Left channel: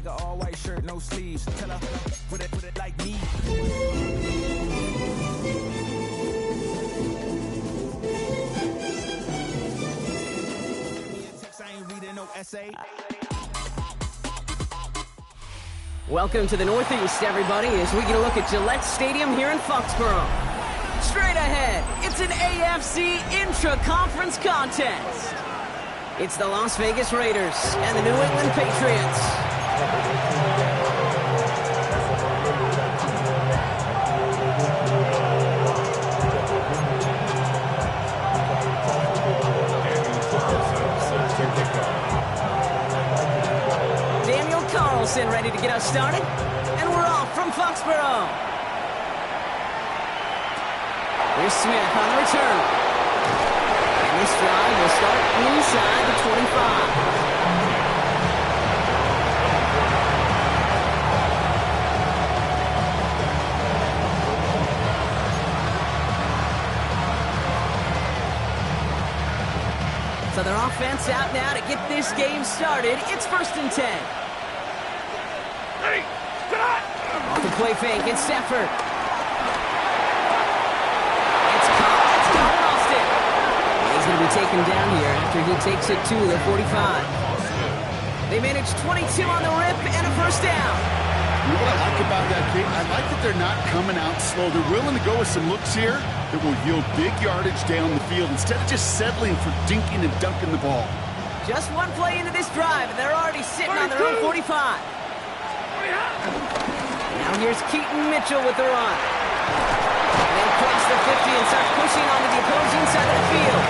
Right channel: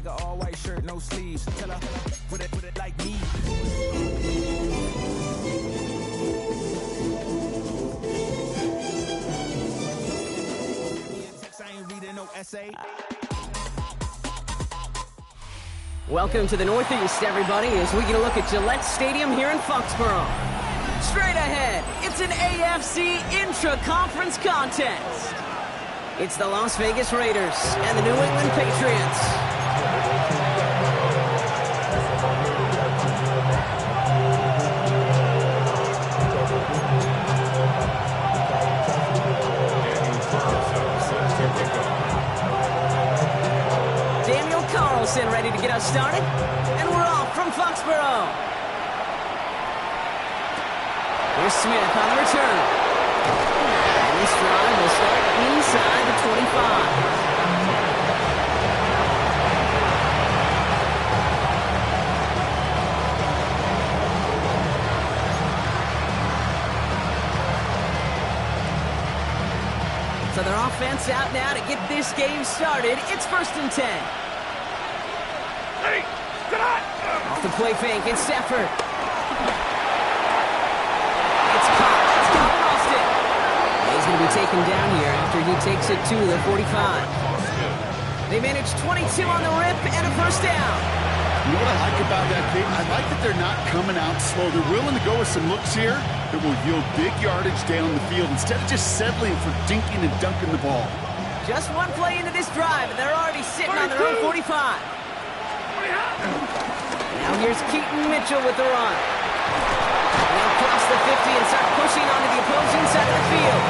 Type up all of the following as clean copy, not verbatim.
like an all-white shirt, no sleeves. Tell her, put it like me. I ain't reading no essay. Welcome to the Northeast, everybody, as we get a look at Gillette Stadium here in Foxborough. Straight ahead, it's an AFC intra-conference contest. It's the Las Vegas Raiders and the New England Patriots. Daniel Carlson ready to get us started, and we're off from Foxborough. Here's Smith on the return. And this drive will start inside the 25. So their offense out now to get this game started. It's 1st and 10. Ready, set up. Off the play fake, it's Stafford. It's caught. That's Calvin Austin. And he's going to be taken down here after he takes it to the 45. They managed 22 on the rip and a first down. You know what I like about that, Kate? I like that they're not coming out slow. They're willing to go with some looks here that will yield big yardage down the field instead of just settling for dinking and dunking the ball. Just one play into this drive, and they're already sitting on their own 45. Now here's Keaton Mitchell with the run. And they'll cross the 50 and start pushing onto the opposing side of the field.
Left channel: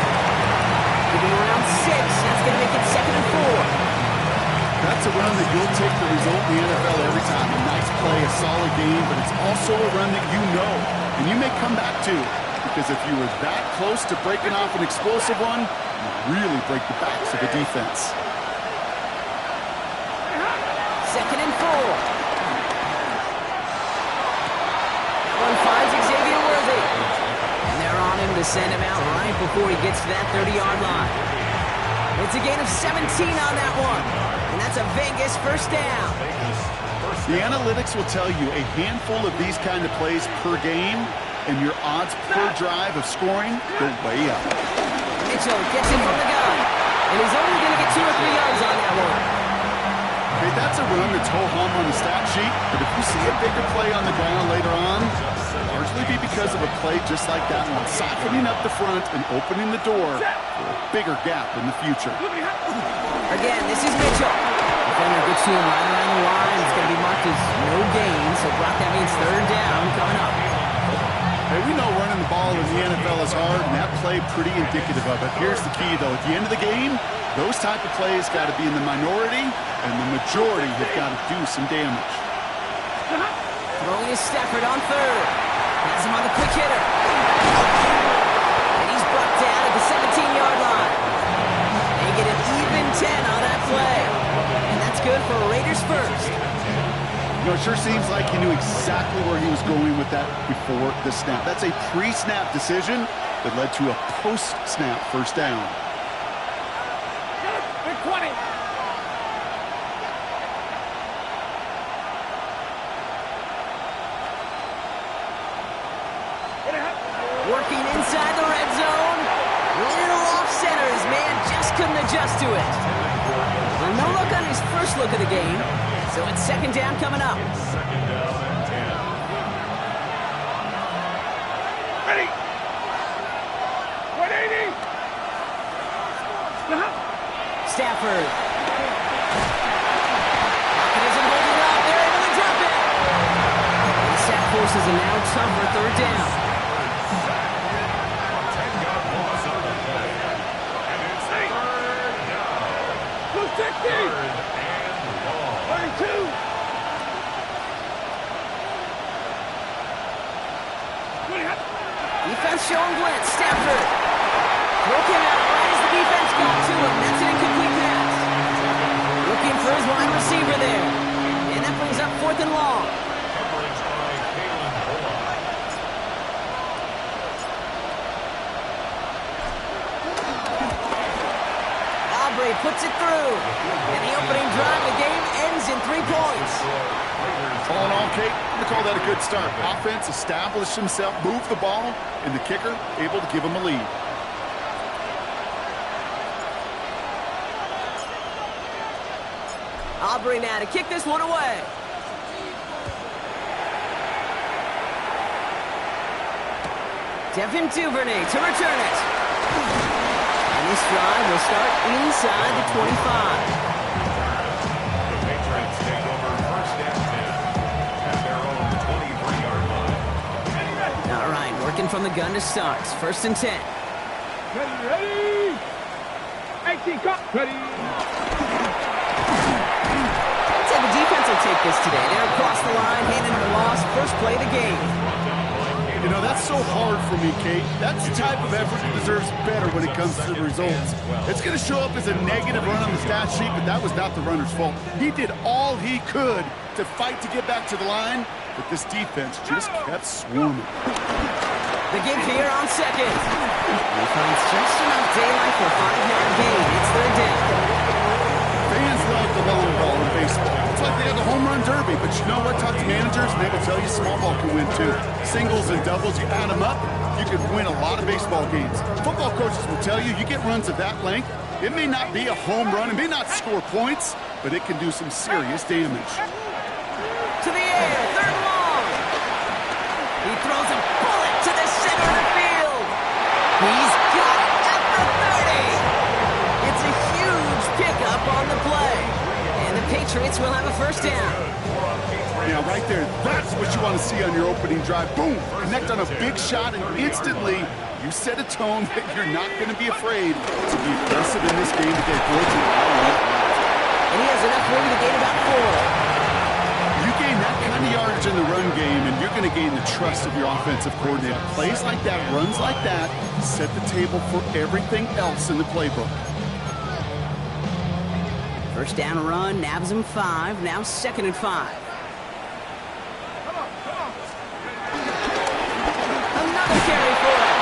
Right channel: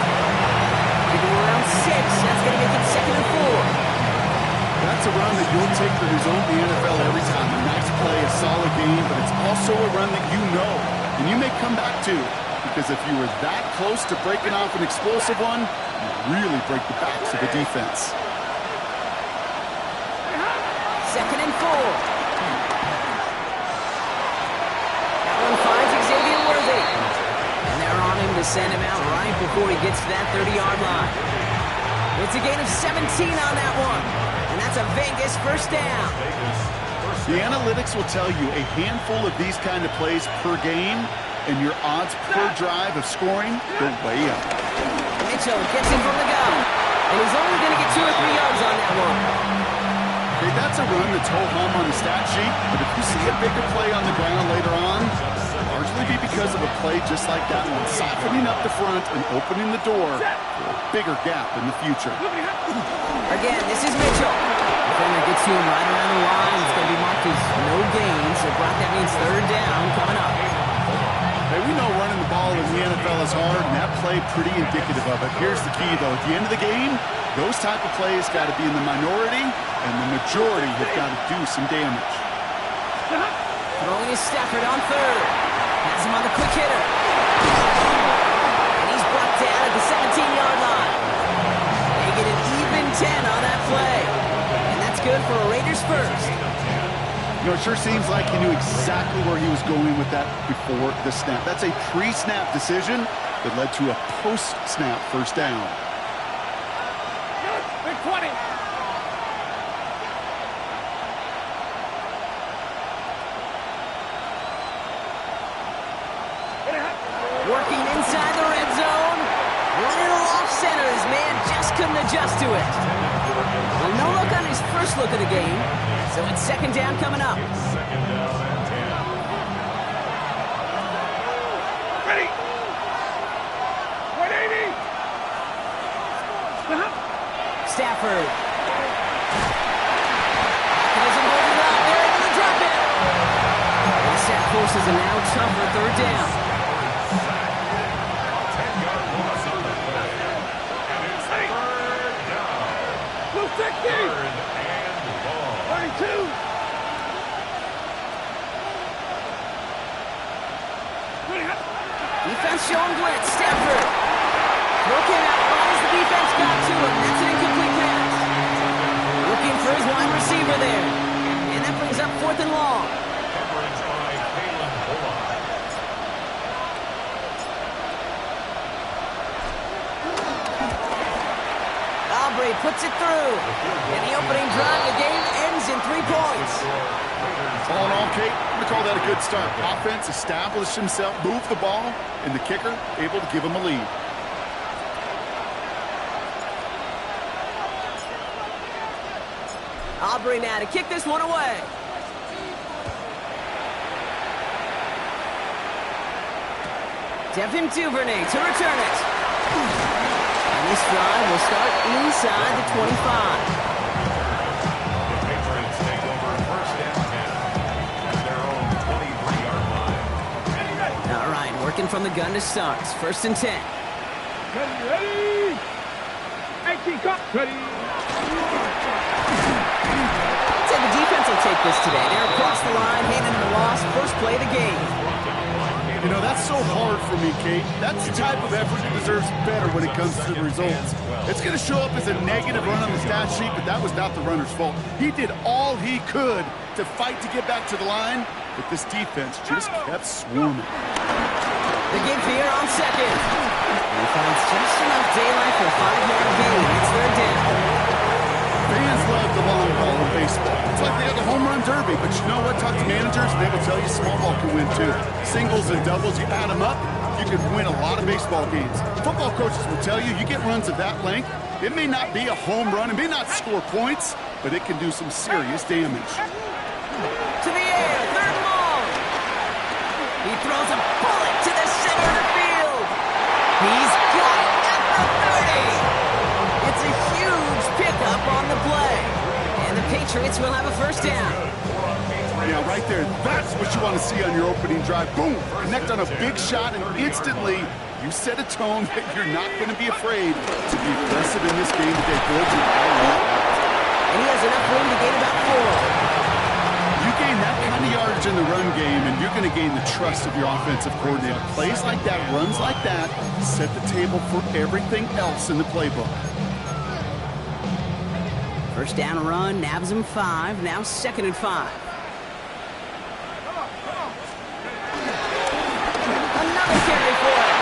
Giving around 6. That's going to make it 2nd and 4. That's a run that you'll take the result in the NFL every time. A nice play, a solid game, but it's also a run that you know, and you may come back to, because if you were that close to breaking off an explosive one, you really break the backs of the defense. 2nd and 4. That one finds Xavier Worthy. And they're on him to send him out right before he gets to that 30-yard line. It's a gain of 17 on that one. And that's a Vegas first down. The analytics will tell you a handful of these kind of plays per game, and your odds per drive of scoring go way up. Mitchell gets it from the gun. And he's only going to get 2 or 3 yards on that one. Okay, that's a run that's ho-hum on the stat sheet, but if you see a bigger play on the ground later on, it'll largely be because of a play just like that one, softening up the front and opening the door for a bigger gap in the future. Again, this is Mitchell. Defender gets to him right around the line. It's going to be marked as no gain, so Brock, that means 3rd down coming up. Hey, we know running the ball in the NFL is hard, and that play pretty indicative of it. Here's the key, though. At the end of the game, those type of plays got to be in the minority, and the majority have got to do some damage. Throwing is Stafford on 3rd. Has him on the quick hitter. And he's brought down at the 17-yard line. They get an even 10 on that play. And that's good for a Raiders first. You know, it sure seems like he knew exactly where he was going with that before the snap. That's a pre-snap decision that led to a post-snap first down. Big 20. Working inside the red zone. Little off-center. His man just couldn't adjust to it. Well, no look on his first look of the game. So it's 2nd down coming up. It's 2nd down and 10. Ready. 180. Stafford. Pocket isn't holding up. They're able to drop it. And Staff forces a now tougher 3rd down. 10-yard loss on the play. And it's 3rd down. 3rd and long. 32. Defense showing blitz. Stafford. Throw came out right as the defense got to him. That's an incomplete pass. Looking for his wide receiver there. And that brings up 4th and long. Coverage by Kalen Bullock. Aubrey puts it through. And the opening drive of the game ends in 3 points. All in all, Kate, I'm going to call that a good start. Offense established himself, moved the ball, and the kicker able to give him a lead. Aubrey now to kick this one away. Devin Duvernay to return it. And this drive will start inside the 25. The Patriots take over first and 10 at their own 23-yard line. All right, working from the gun to start. First and 10. Ready? 18, cut. Ready. The defense will take this today. They're across the line, handing them a loss. First play of the game. You know, that's so hard for me, Kate. That's the type of effort that deserves better when it comes to the results. It's going to show up as a negative run on the stat sheet, but that was not the runner's fault. He did all he could to fight to get back to the line, but this defense just kept swarming. The give here on second. He finds just enough daylight for a 5-yard gain. It's third down. Fans love the long ball in baseball. It's like they have the home run derby, but you know what? Talk to managers, and they will tell you small ball can win too. Singles and doubles, you add them up, you can win a lot of baseball games. Football coaches will tell you, you get runs of that length, it may not be a home run, it may not score points, but it can do some serious damage. To the air, third and long. He throws a bullet to the center of the field. He's got it at the 30. It's a huge pickup on the play. And the Patriots will have a first down. Yeah, right there. That's what you want to see on your opening drive. Boom! Connect on a big shot, and instantly you set a tone that you're not going to be afraid to be aggressive in this game today. Boy, I love that. And he has enough room to gain about 4. You gain that kind of yardage in the run game, and you're going to gain the trust of your offensive coordinator. Plays like that, runs like that, set the table for everything else in the playbook. First down run, nabs him 5. Now second and 5. Another carry for it.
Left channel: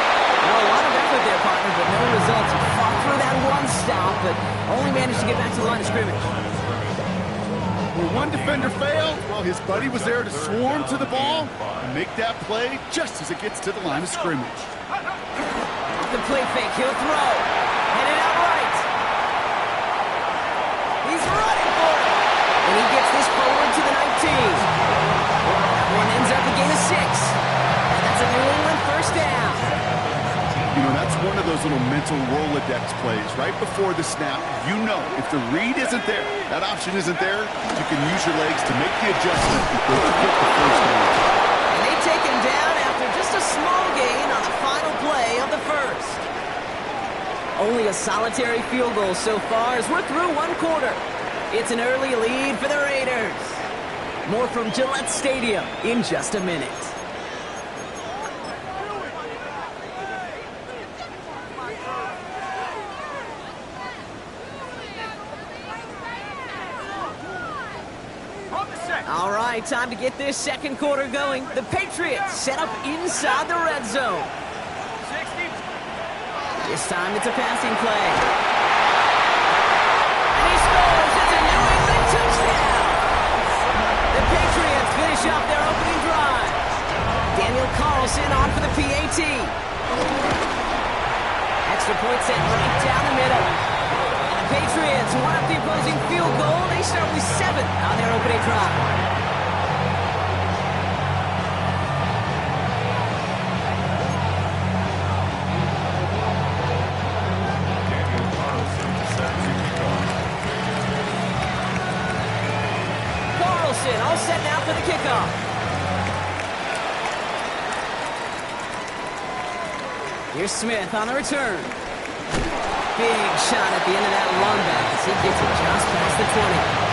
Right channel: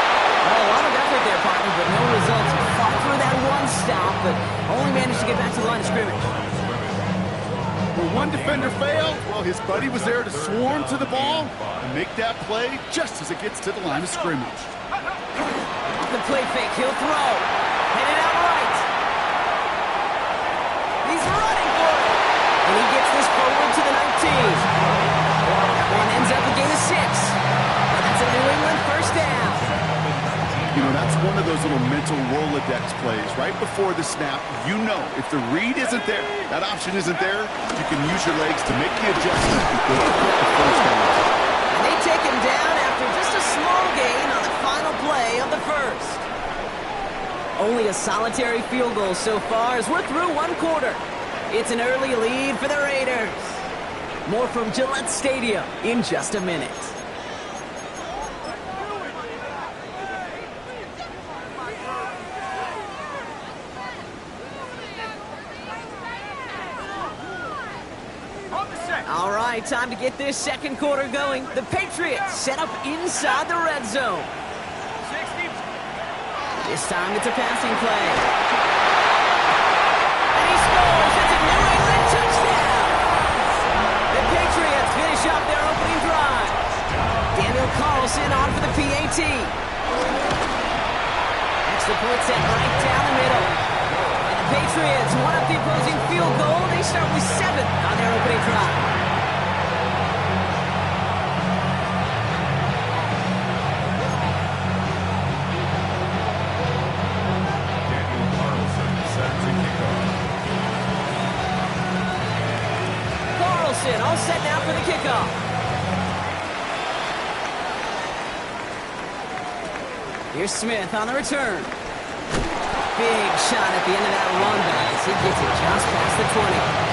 Well, a lot of effort there, partner, but no results. He fought through that one stop, but only managed to get back to the line of scrimmage. Where one defender failed, well, his buddy was there to swarm to the ball and make that play just as it gets to the line of scrimmage. Off the play fake, he'll throw. Headed out right. He's running for it. And he gets this forward to the 19. That one ends up a gain of 6. And that's a New England first down. You know, that's one of those little mental Rolodex plays. Right before the snap, you know if the read isn't there, that option isn't there, you can use your legs to make the adjustment and go to get the first down. And they take him down after just a small gain on the final play of the first. Only a solitary field goal so far as we're through one quarter. It's an early lead for the Raiders. More from Gillette Stadium in just a minute. All right, time to get this second quarter going. The Patriots set up inside the red zone. This time it's a passing play. And he scores. It's a New England touchdown. The Patriots finish up their opening drive. Daniel Carlson on for the PAT. Extra point set right down the middle. And the Patriots one up the opposing field goal. They start with 7 on their opening drive. All set now for the kickoff. Here's Smith on the return. Big shot at the end of that run back as he gets it just past the 20.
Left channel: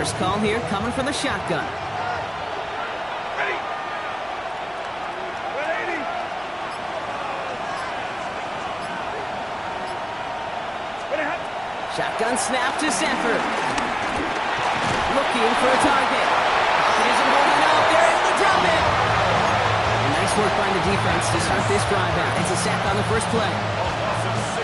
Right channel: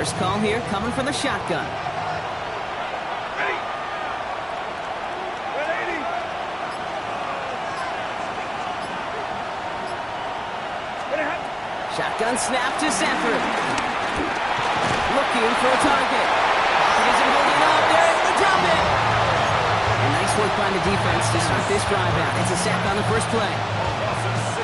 First call here coming from the shotgun. Ready. 180. Shotgun snap to Sanford. Looking for a target. Pocket isn't holding up. They're able to drop it. And nice work by the defense to start this drive out. It's a sack on the first play.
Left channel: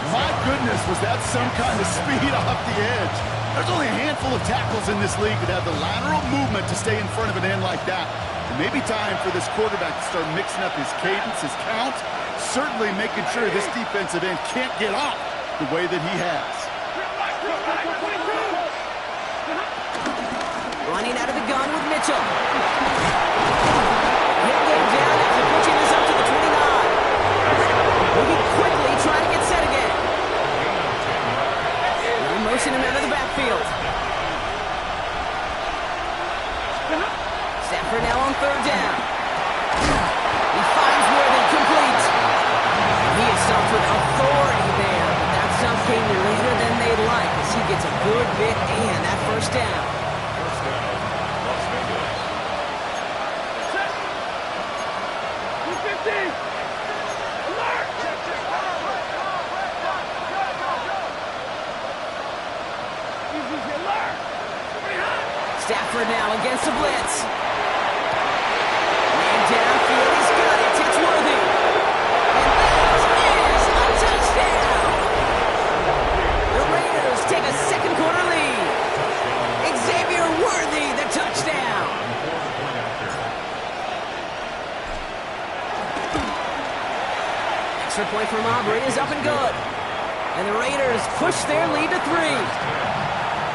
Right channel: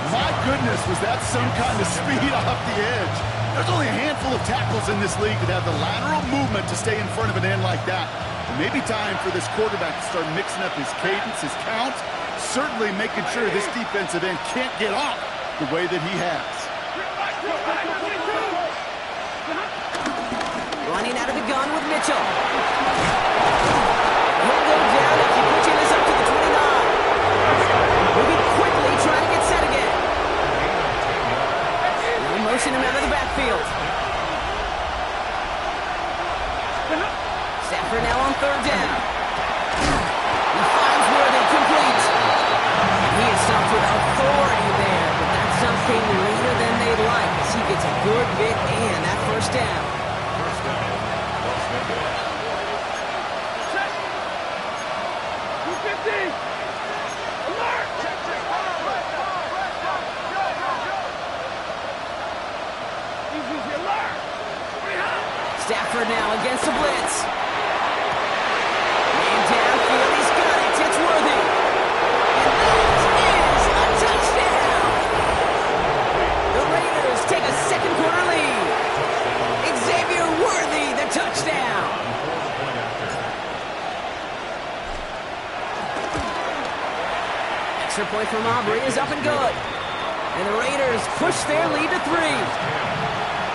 My goodness, was that some kind of speed off the edge? There's only a handful of tackles in this league that have the lateral movement to stay in front of an end like that. It may be time for this quarterback to start mixing up his cadence, his count, certainly making sure this defensive end can't get off the way that he has. Running out of the gun with Mitchell. He'll go down after pushing this up to the 29. Moving quickly, trying to get set again. No motion him out of the backfield. Stafford now on third down. He finds Worthy, complete. And he is stopped with authority there, but that stop came later than they'd like as he gets a good bit and that first down. First down, Las Vegas. 250. Alert! Easy, alert! Stafford now against the blitz. Man downfield, he's got it. It's Worthy. And that is a touchdown. The Raiders take a second quarter lead. Xavier Worthy, the touchdown. Extra point from Aubrey is up and good. And the Raiders push their lead to 3.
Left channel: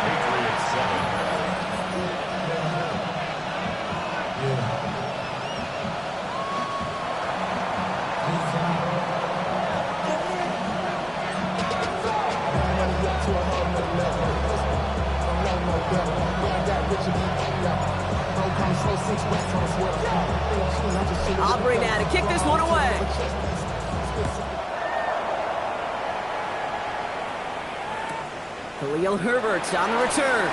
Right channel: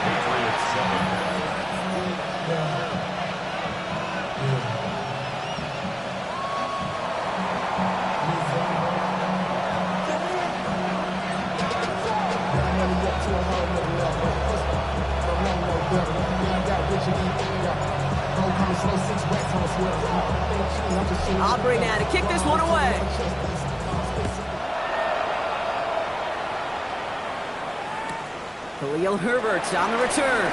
Patriots 7. Aubrey now to kick this one away. Khalil Herbert on the return.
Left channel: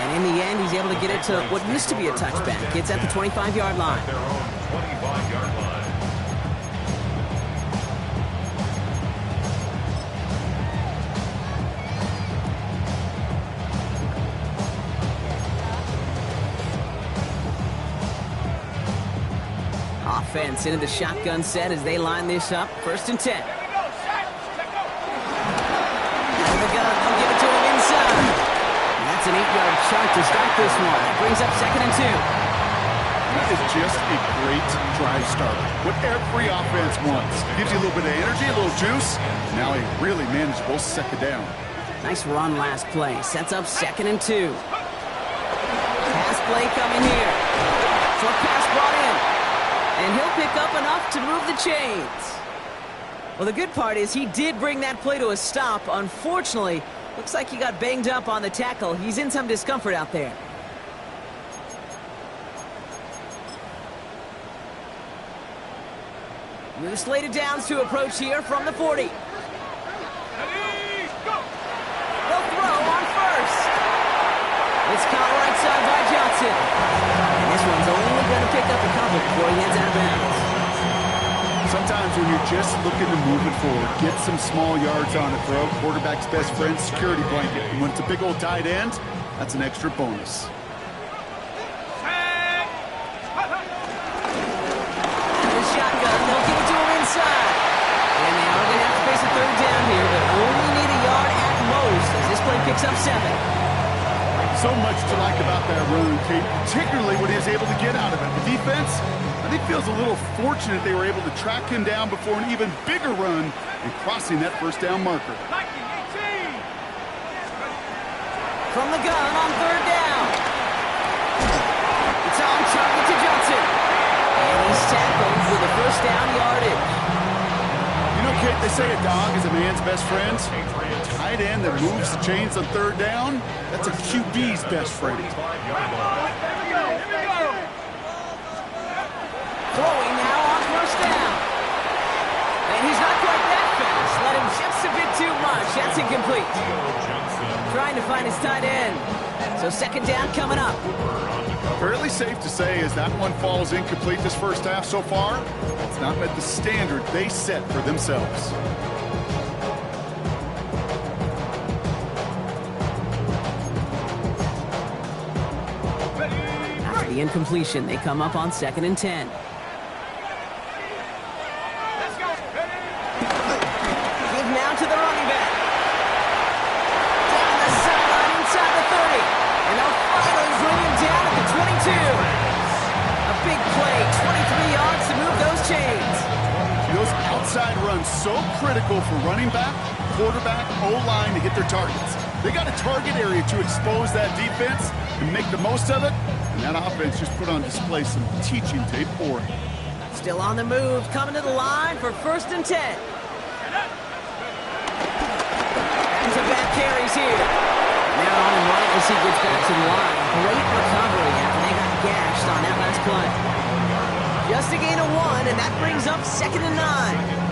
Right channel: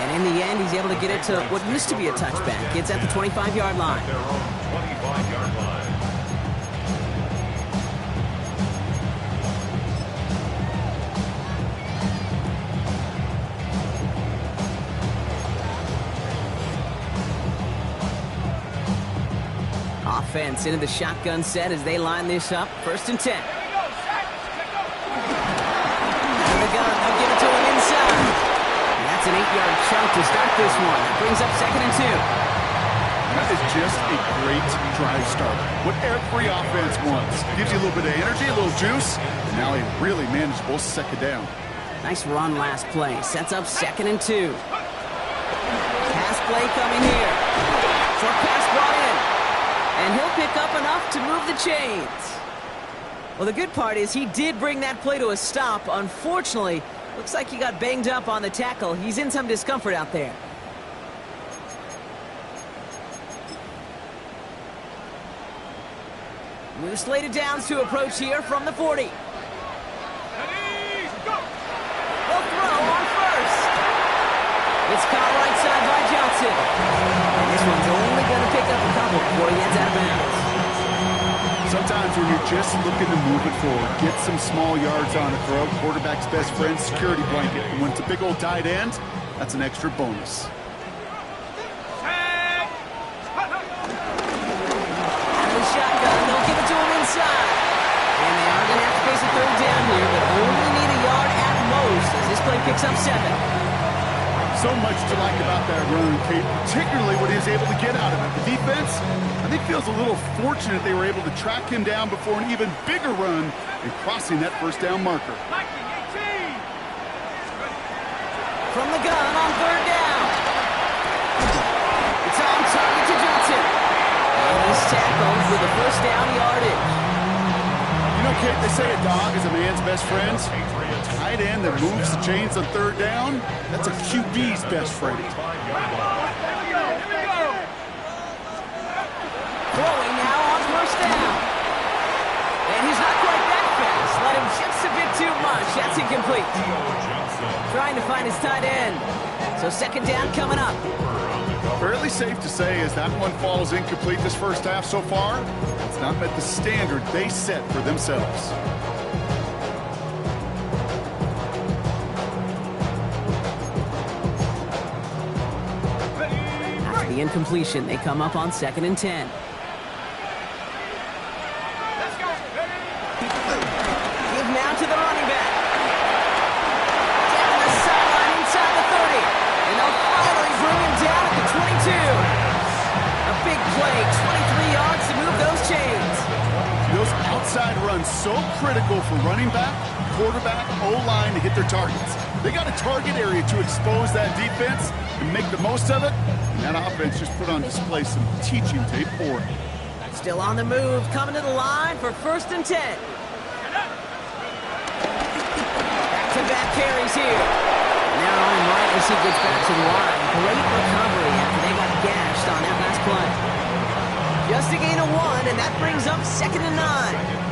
And in the end, he's able to get it to what used to be a touchback. It's at the 25-yard line. Their own 25-yard line. Offense into the shotgun set as they line this up. 1st and 10. Here we go, Shaq. Check go. Out of the gun, they'll give it to him inside. And that's an 8-yard chunk to start this one. That brings up 2nd and 2. That is just a great drive starter. What every offense wants. Gives you a little bit of energy, a little juice, and now a really manageable 2nd down. Nice run last play. Sets up 2nd and 2. Pass play coming here. Short pass brought in. And he'll pick up enough to move the chains. Well, the good part is he did bring that play to a stop. Unfortunately, looks like he got banged up on the tackle. He's in some discomfort out there. New slated downs to approach here from the 40. Ready, go. They'll throw on first. It's caught right side by Johnson. And this one's only going to pick up a couple before he heads out of bounds. Sometimes when you're just looking to move it forward, get some small yards on the throw, quarterback's best friend, security blanket. And when it's a big old tight end, that's an extra bonus. Tag. Out of the shotgun, they'll give it to him inside. And they are going to have to face a 3rd down here, but only need a yard at most as this play picks up 7. So much to like about that run, Kate, particularly what he was able to get out of it. The defense, I think, feels a little fortunate they were able to track him down before an even bigger run and crossing that 1st down marker. Nike 18. From the gun on 3rd down. It's on target to Johnson. And he's tackled with a 1st down yardage. You know, Kate, they say a dog is a man's best friend. Tight end that moves the chains on 3rd down, that's a QB's best friend. Here we go. Throwing now on 1st down. And he's not quite that fast. Let him just a bit too much. That's incomplete. Trying to find his tight end. So second down coming up. Fairly safe to say as that one falls incomplete this first half so far, it's not met the standard they set for themselves. After the incompletion, they come up on 2nd and 10. Let's go. Give now to the running back. Down the sideline inside the 30. And they'll finally bring him down at the 22. A big play, 23 yards to move those chains. Those outside runs so critical for running back, quarterback, O-line to hit their targets. They got a target area to expose that defense and make the most of it. And that offense just put on display some teaching tape for it. Still on the move, coming to the line for 1st and 10. Back-to-back carries here. And they're on him right as he gets back to the line. Great recovery after they got gashed on that last play. Just a gain of 1, and that brings up 2nd and 9.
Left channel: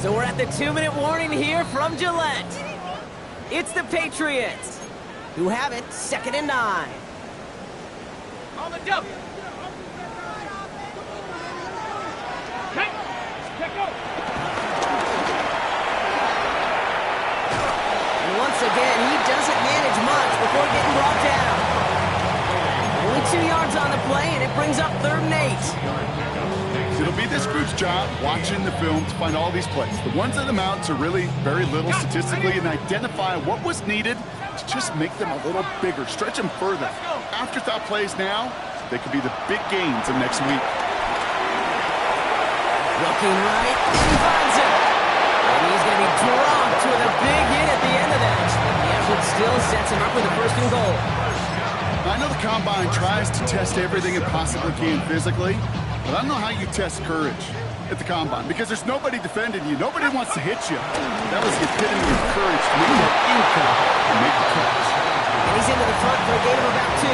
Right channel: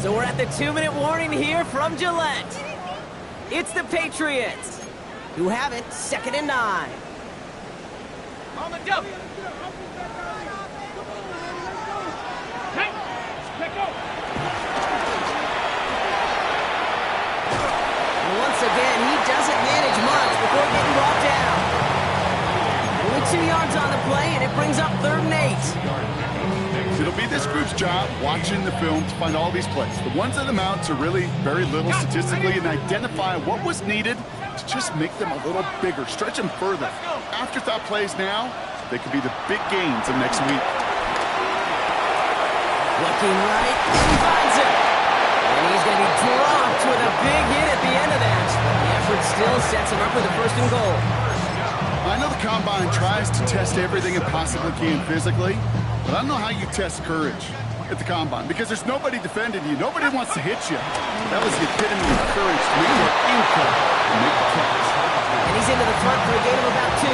So we're at the 2-minute warning here from Gillette. It's the Patriots who have it, 2nd and 9. On the double. Check go. And once again, he doesn't manage much before getting brought down. Only 2 yards on the play, and it brings up 3rd and 8. It'll be this group's job watching the film to find all these plays. The ones that amount to really very little statistically and identify what was needed to just make them a little bigger, stretch them further. Afterthought plays now, they could be the big gains of next week. Looking right, and he finds him. And he's going to be dropped with a big hit at the end of that. The effort still sets him up with a 1st and goal. I know the Combine tries to test everything it possibly can physically, but I don't know how you test courage at the Combine because there's nobody defending you. Nobody wants to hit you. That was the epitome of courage to make that impact and make the catch. And he's into the front for a gain of about 2.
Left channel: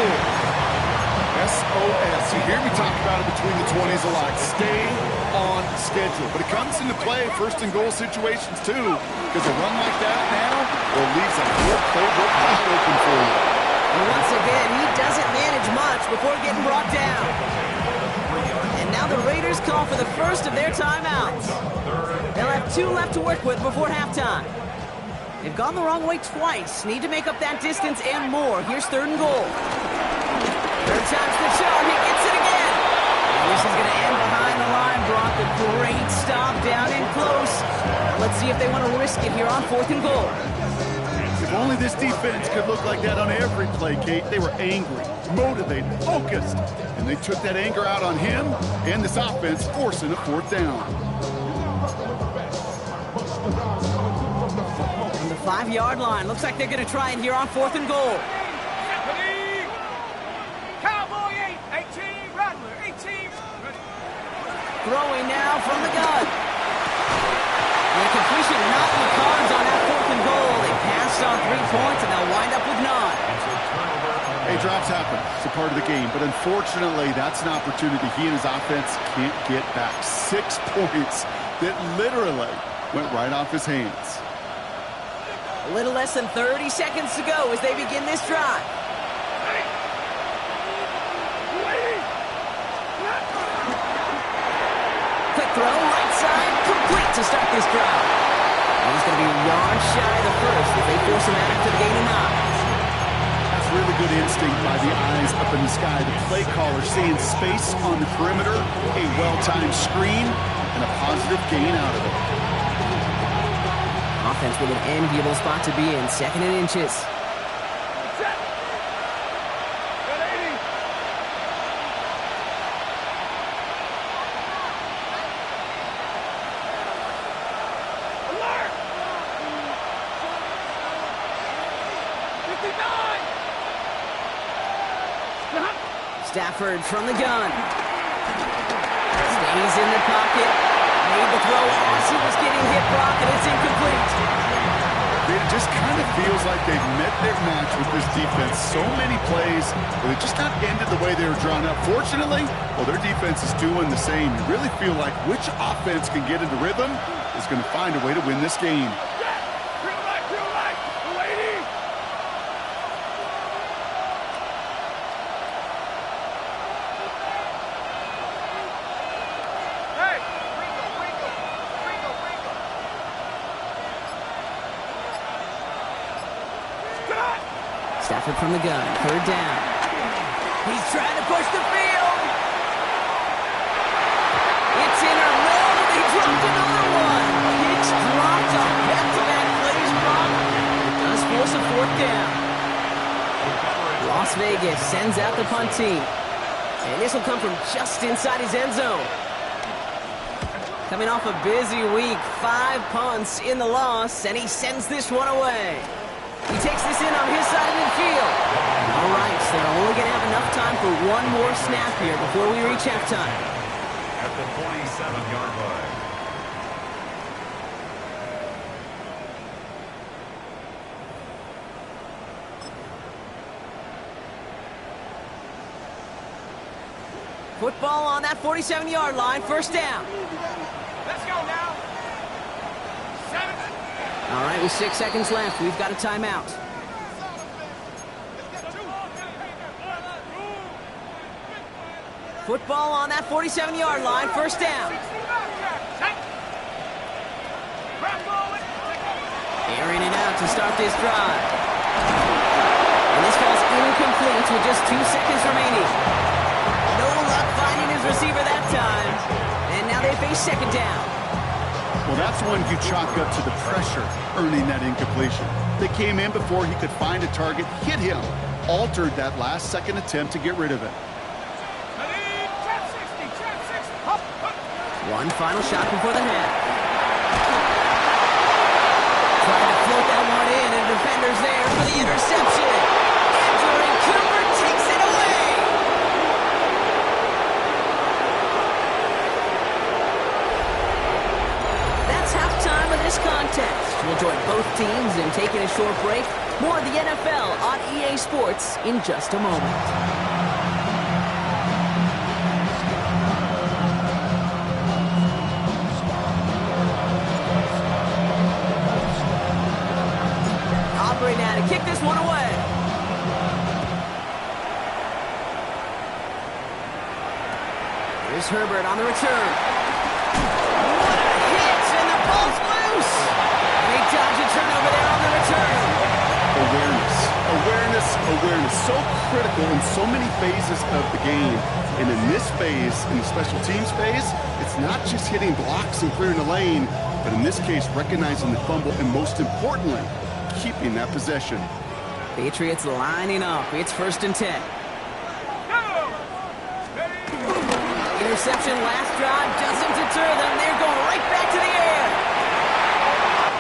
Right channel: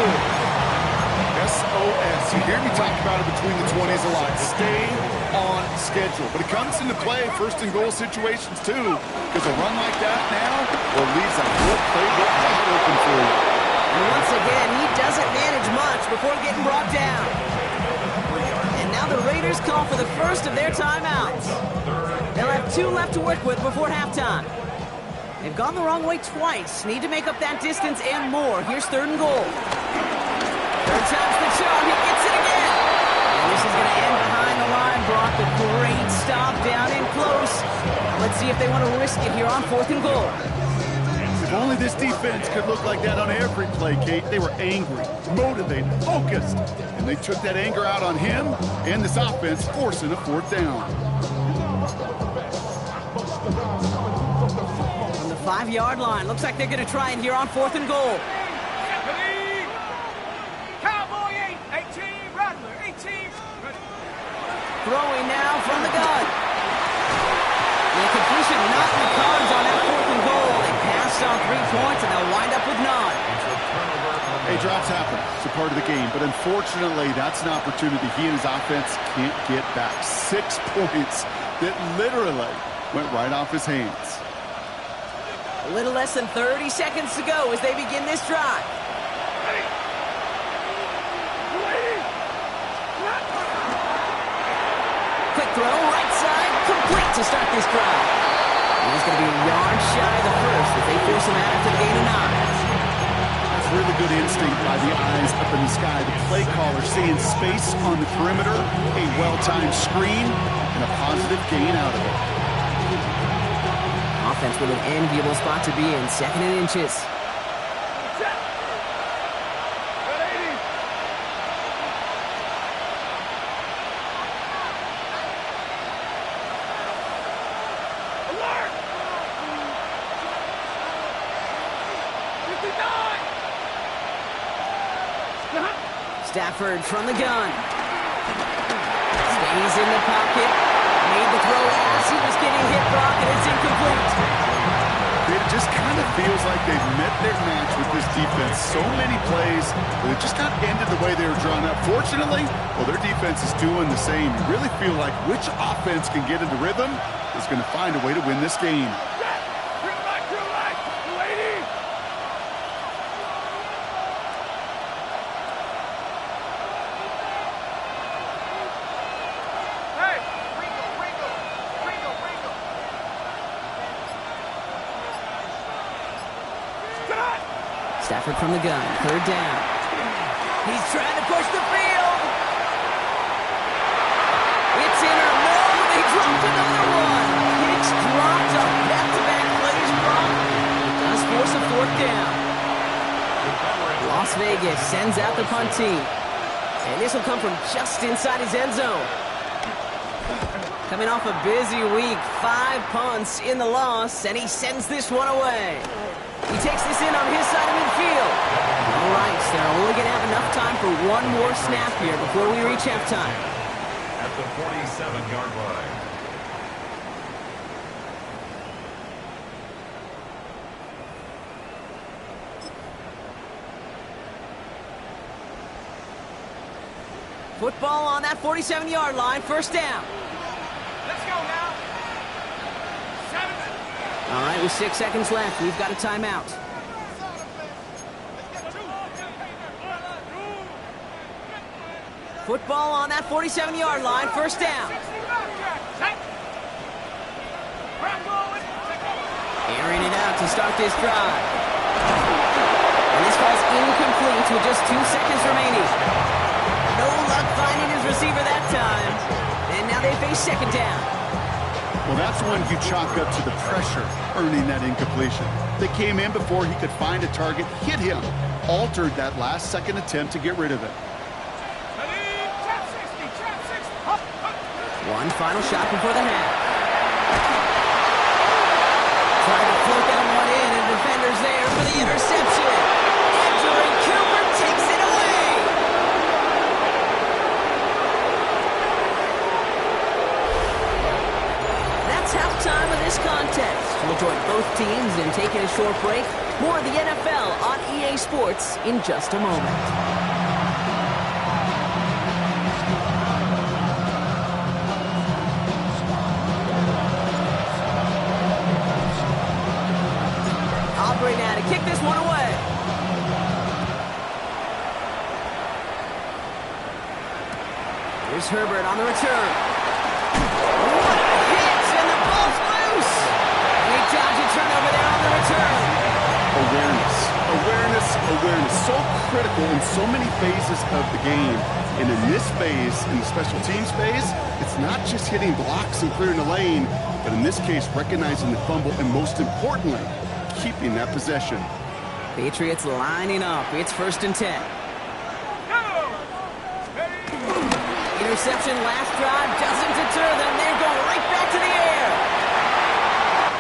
SOS. You hear me talk about it between the 20s a lot. Stay on schedule. But it comes into play 1st and goal situations too, because a run like that now leaves that whole playbook wide open for you. And once again, he doesn't manage much before getting brought down. And now the Raiders call for the first of their timeouts. They'll have 2 left to work with before halftime. They've gone the wrong way twice. Need to make up that distance and more. Here's 3rd and goal. 3rd time's the charm. He gets it again. And this is going to end behind the line. Brock, a great stop down in close. Let's see if they want to risk it here on 4th and goal. If only this defense could look like that on every play, Kate. They were angry, motivated, focused, and they took that anger out on him and this offense, forcing a 4th down. On the 5-yard line, looks like they're going to try it here on 4th and goal. Cowboy 8, 18, Rattler 18. Throwing now from the gun. And a completion not in the cards on that 4th and goal. They passed on 3 points, and they'll wind up with none. Hey, drops happen. It's a part of the game. But unfortunately, that's an opportunity he and his offense can't get back. 6 points that literally went right off his hands. A little less than 30 seconds to go as they begin this drive. Quick throw, right side, complete to start this drive. And he's going to be a yard shy of the first as they force him out after the gain of 9. That's really good instinct by the eyes up in the sky. The play caller seeing space on the perimeter, a well-timed screen, and a positive gain out of it. Offense with an enviable spot to be in, 2nd and inches. Stafford from the gun. Stays in the pocket. Made the throw as he was getting hit, Brock, and it's incomplete. It just kind of feels like they've met their match with this defense. So many plays where they just not ended the way they were drawn up. Fortunately, well, their defense is doing the same. You really feel like which offense can get into rhythm is going to find a way to win this game. Stafford from the gun, 3rd down. He's trying to push the field. It's in or no, they dropped another one. Kicks dropped on back-to-back plays, Brock. It does force a 4th down. Las Vegas sends out the punt team. And this will come from just inside his end zone. Coming off a busy week, 5 punts in the loss, and he sends this one away. He takes this in on his side of midfield. All right, so they're only going to have enough time for one more snap here before we reach halftime. At the 47-yard line. Football on that 47-yard line, 1st down. Let's go now. 7. All right, with 6 seconds left, we've got a timeout. Football on that 47-yard line, 1st down. Airing it out to start this drive. And this falls incomplete with just 2 seconds remaining. No luck finding his receiver that time. And now they face 2nd down. Well, that's one you chalk up to the pressure earning that incompletion. They came in before he could find a target, hit him, altered that last-second attempt to get rid of it. One final shot before the half. Tried to float that one in, and defender's there for the interception. Andrew Cooper takes it away. That's halftime of this contest. We'll join both teams in taking a short break. More of the NFL on EA Sports in just a moment. Aubrey now to kick this one away. Here's Herbert on the return. What a hit, and the ball's loose. And they dodge a turnover there on the return. Awareness. So critical in so many phases of the game. And in this phase, in the special teams phase, it's not just hitting blocks and clearing the lane, but in this case, recognizing the fumble and most importantly, keeping that possession. Patriots lining up. It's 1st and 10. Interception last drive doesn't deter them. They're going right back to the air.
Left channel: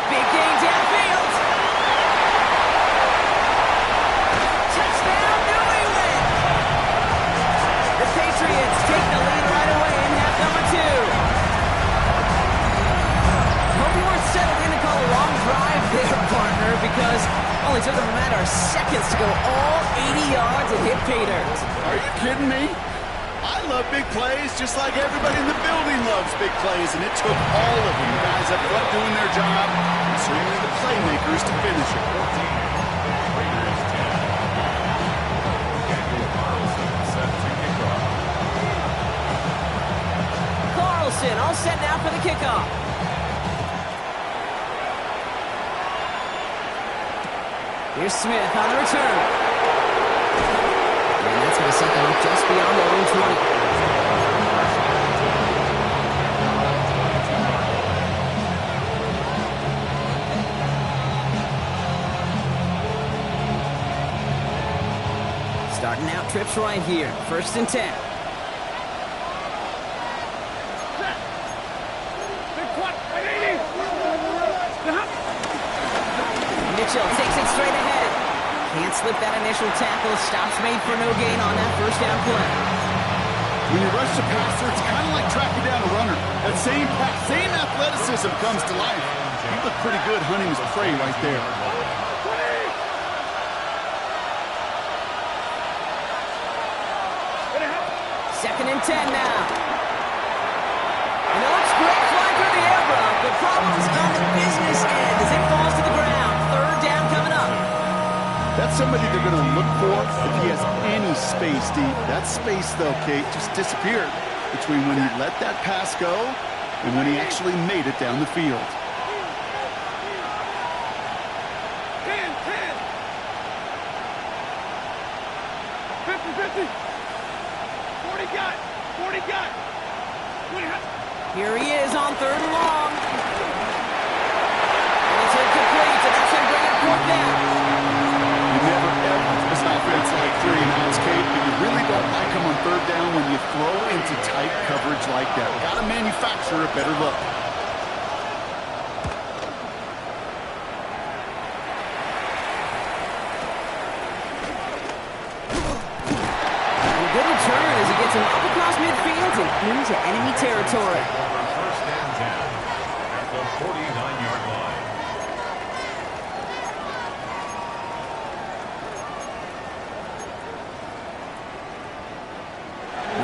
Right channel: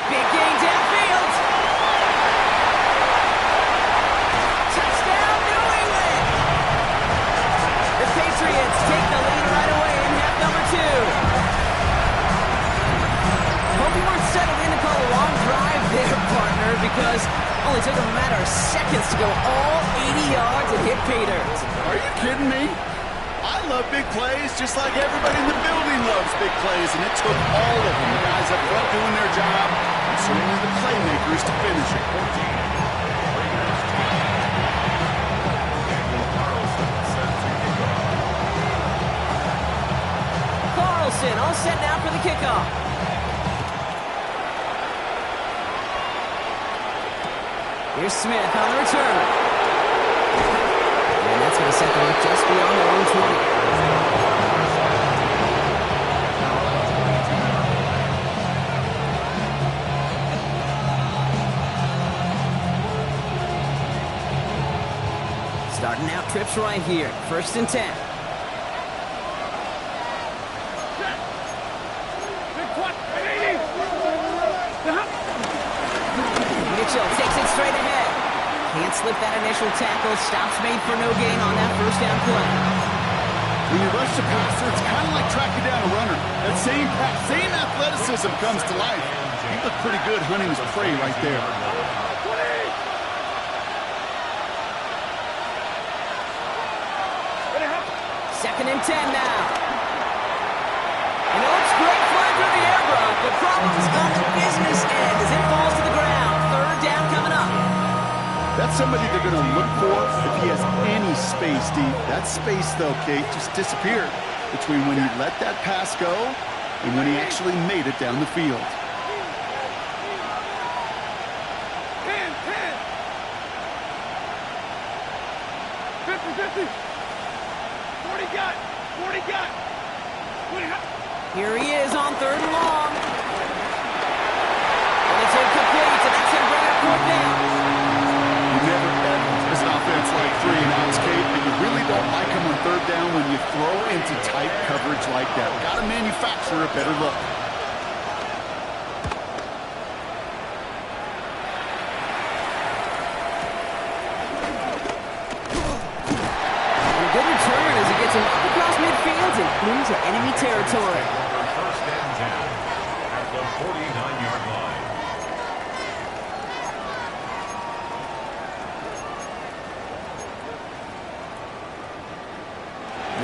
Big gain downfield. Touchdown, New England. The Patriots take the lead right away in half number 2. Hope you weren't settled in to call a long drive there, partner, because only took them a matter of seconds to go all 80 yards and hit pay dirt. Are you kidding me? I love big plays just like everybody in the building loves big plays, and it took all of them, the guys up front doing their job, and certainly the playmakers to finish it. 14, Raiders 10. Daniel Carlson set to kick off. Carlson all set now for the kickoff. Here's Smith on the return. And that's going to set them up just beyond their own 20. Starting out trips right here. 1st and 10. Mitchell takes it straight ahead. Can't slip that initial tackle. Stops made for no gain on that 1st down play. When you rush the passer, it's kind of like tracking down a runner. That same pass, same athleticism comes to life. He looked pretty good hunting his prey right there. 20. Second and 10 now. And it looks great flying through the air, Brock, but problems on the business end as it falls to the ground. Third down coming up. That's somebody they're going to look for if he has any space deep. That space, though, Kate, just disappeared between when he let that pass go and when he actually made it down the field. 10, 10. 50, 50. 40 got. 40 got. 20. Here he is on third and long. And it's incomplete, and that's going to bring up fourth down. You never ever this offense like 3 and outs, Kate, but you really don't like them on third down when you throw into tight coverage like that. Got to manufacture a better look. Good return as he gets him up across midfield and into enemy territory. First and 10 at the 49-yard line.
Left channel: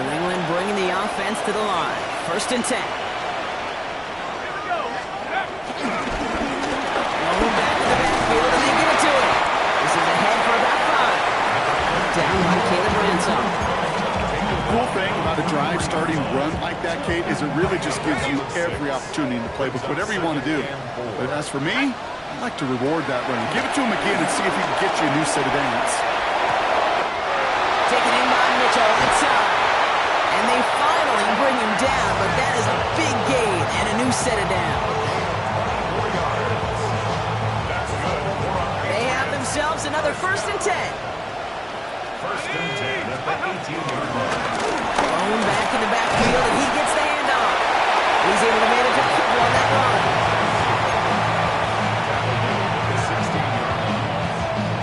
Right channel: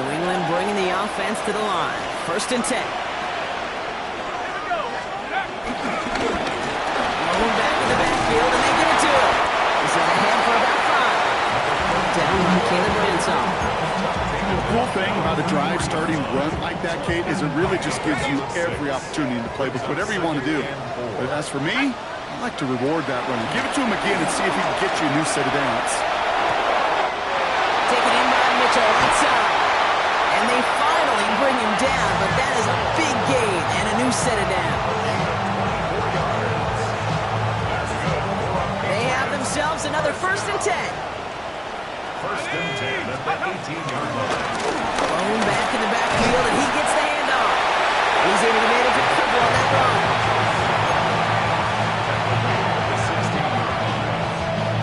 New England bringing the offense to the line. First and 10. Here we go. Rolling back to the backfield, and they give it to him. This is ahead for about 5. Down by Caleb Ransom. The cool thing about a drive starting run like that, Kate, is it really just gives you every opportunity in the playbook, whatever you want to do. But as for me, I like to reward that run. Give it to him again and see if he can get you a new set of downs. Taken in by Mitchell inside. And they finally bring him down, but that is a big gain and a new set of downs. 24 yards. That's good. They have themselves another first and 10. First and 10 at the 18-yard line. Thrown back in the backfield, and he gets the handoff. He's able to manage a couple on that run. Tackle made at the 16-yard line.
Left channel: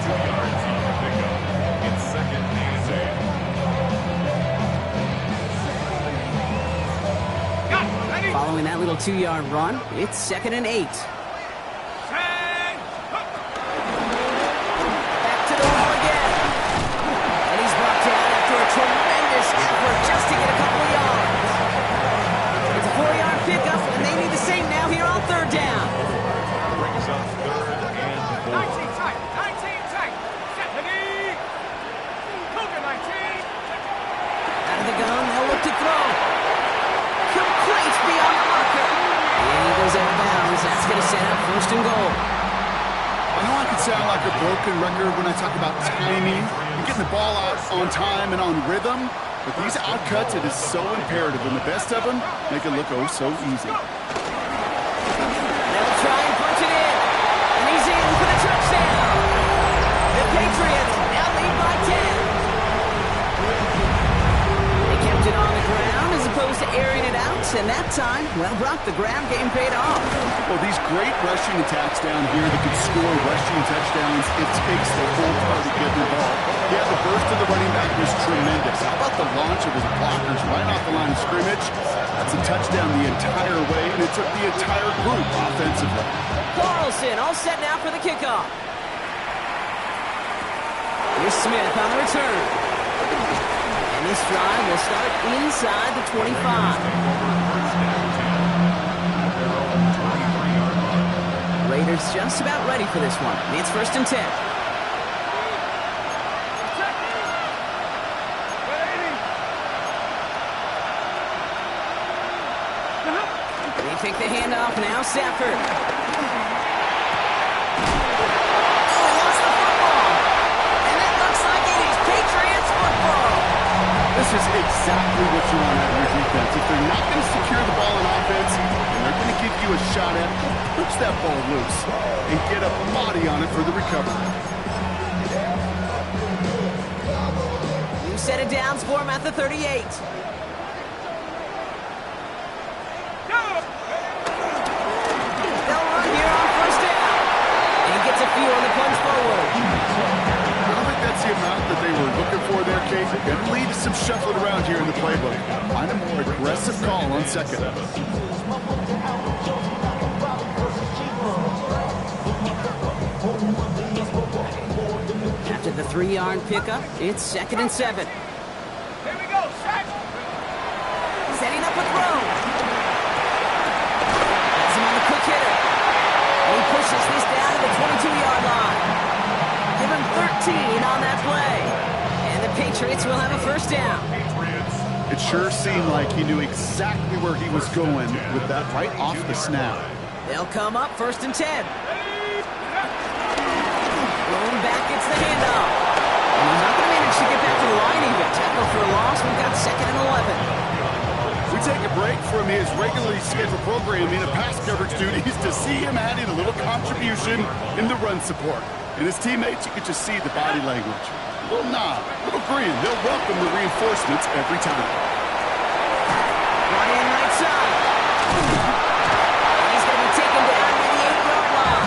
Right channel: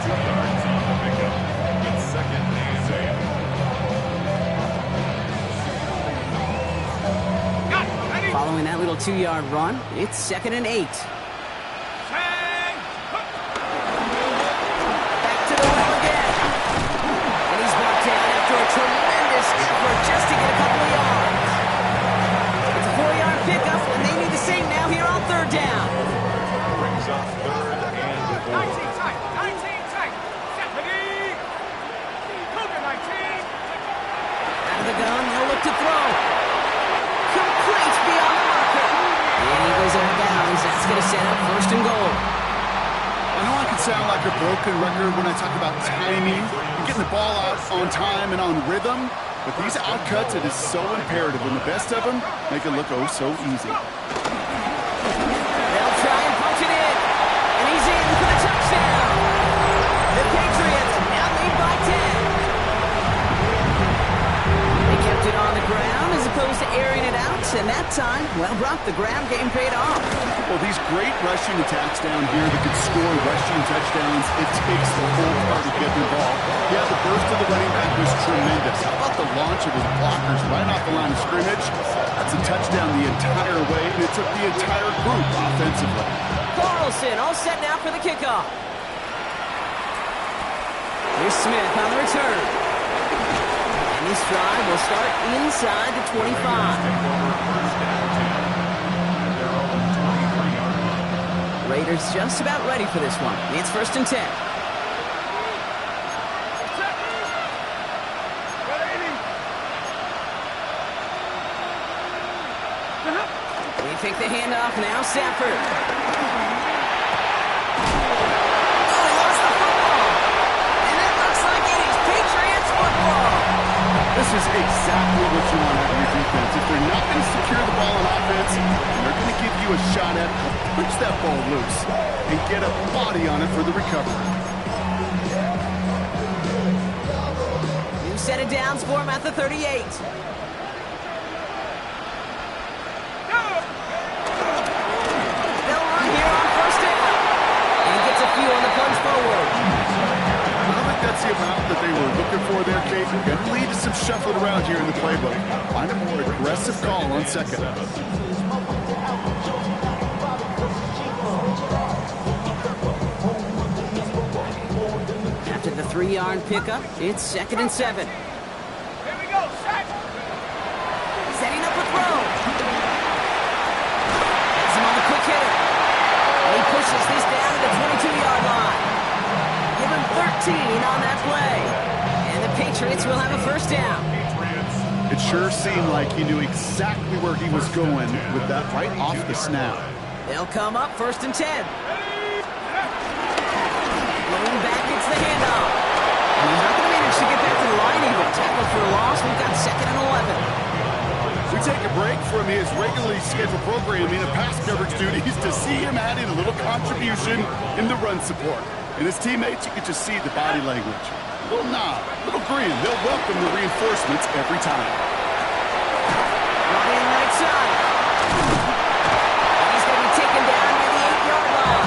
2 yards on the pickup. It's second and 8. Following that little 2-yard run, it's second and 8. Back to the well again. And he's brought down after a tremendous effort just to get a couple of yards. It's a 4-yard pickup, and they need the same now here on third down. Brings up third and 4. 19 tight. 19 tight. Set the knee. Cougar 19. Out of the gun, they'll look to throw. Complete beyond the marker. And he goes out of bounds. That's going to set up first and goal. I know I can sound like a broken record when I talk about timing and getting the ball out on time and on rhythm, but these outcuts, it is so imperative, and the best of them make it look oh so easy. They'll try and punch it in. And he's in for the touchdown. The Patriots now lead by 10. They kept it on the ground as opposed to airing it out, and that time, well, Brock, the ground game paid off. Well, these great rushing attacks down here that can score rushing touchdowns, it takes the whole party getting involved. Yeah, the burst of the running back was tremendous. How about the launch of his blockers right off the line of scrimmage? That's a touchdown the entire way, and it took the entire group offensively. Carlson all set now for the kickoff. Here's Smith on the return. And this drive will start inside the 25. Take over first and 10 at their own 23-yard line. Raiders just about ready for this one. It's first and 10. They take the handoff now. Stafford. Oh, he lost the football. And it looks like it is Patriots football. This is exactly what you want out of your defense. If they're not going to secure the ball on offense, and they're going to give you a shot at it, punch that ball loose and get a body on it for the recovery. New set of downs for him at the 38. They'll run here on first down. And he gets a few on the plunge forward. I don't think that's the amount that they were looking for there, Kate. Going to lead to some shuffling around here in the playbook. Find a more aggressive call on second. with the 3-yard pickup. It's 2nd and 7. Here we go, set. Setting up a throw. Has him on the quick hitter. And he pushes this down to the 22-yard line. Give him 13 on that play. And the Patriots will have a first down. It sure seemed like he knew exactly where he was going with that right off the snap. They'll come up 1st and 10. Blown back gets the handoff. And he's not going to manage to get back to the line even. Tackle for a loss. We've got 2nd and 11. We take a break from his regularly scheduled programming of pass coverage duties to see him adding a little contribution in the run support. And his teammates, you could just see the body language. A little nod, a little grin. They'll welcome the reinforcements every time. Brought in right side. And he's going to be taken down near the 8-yard line.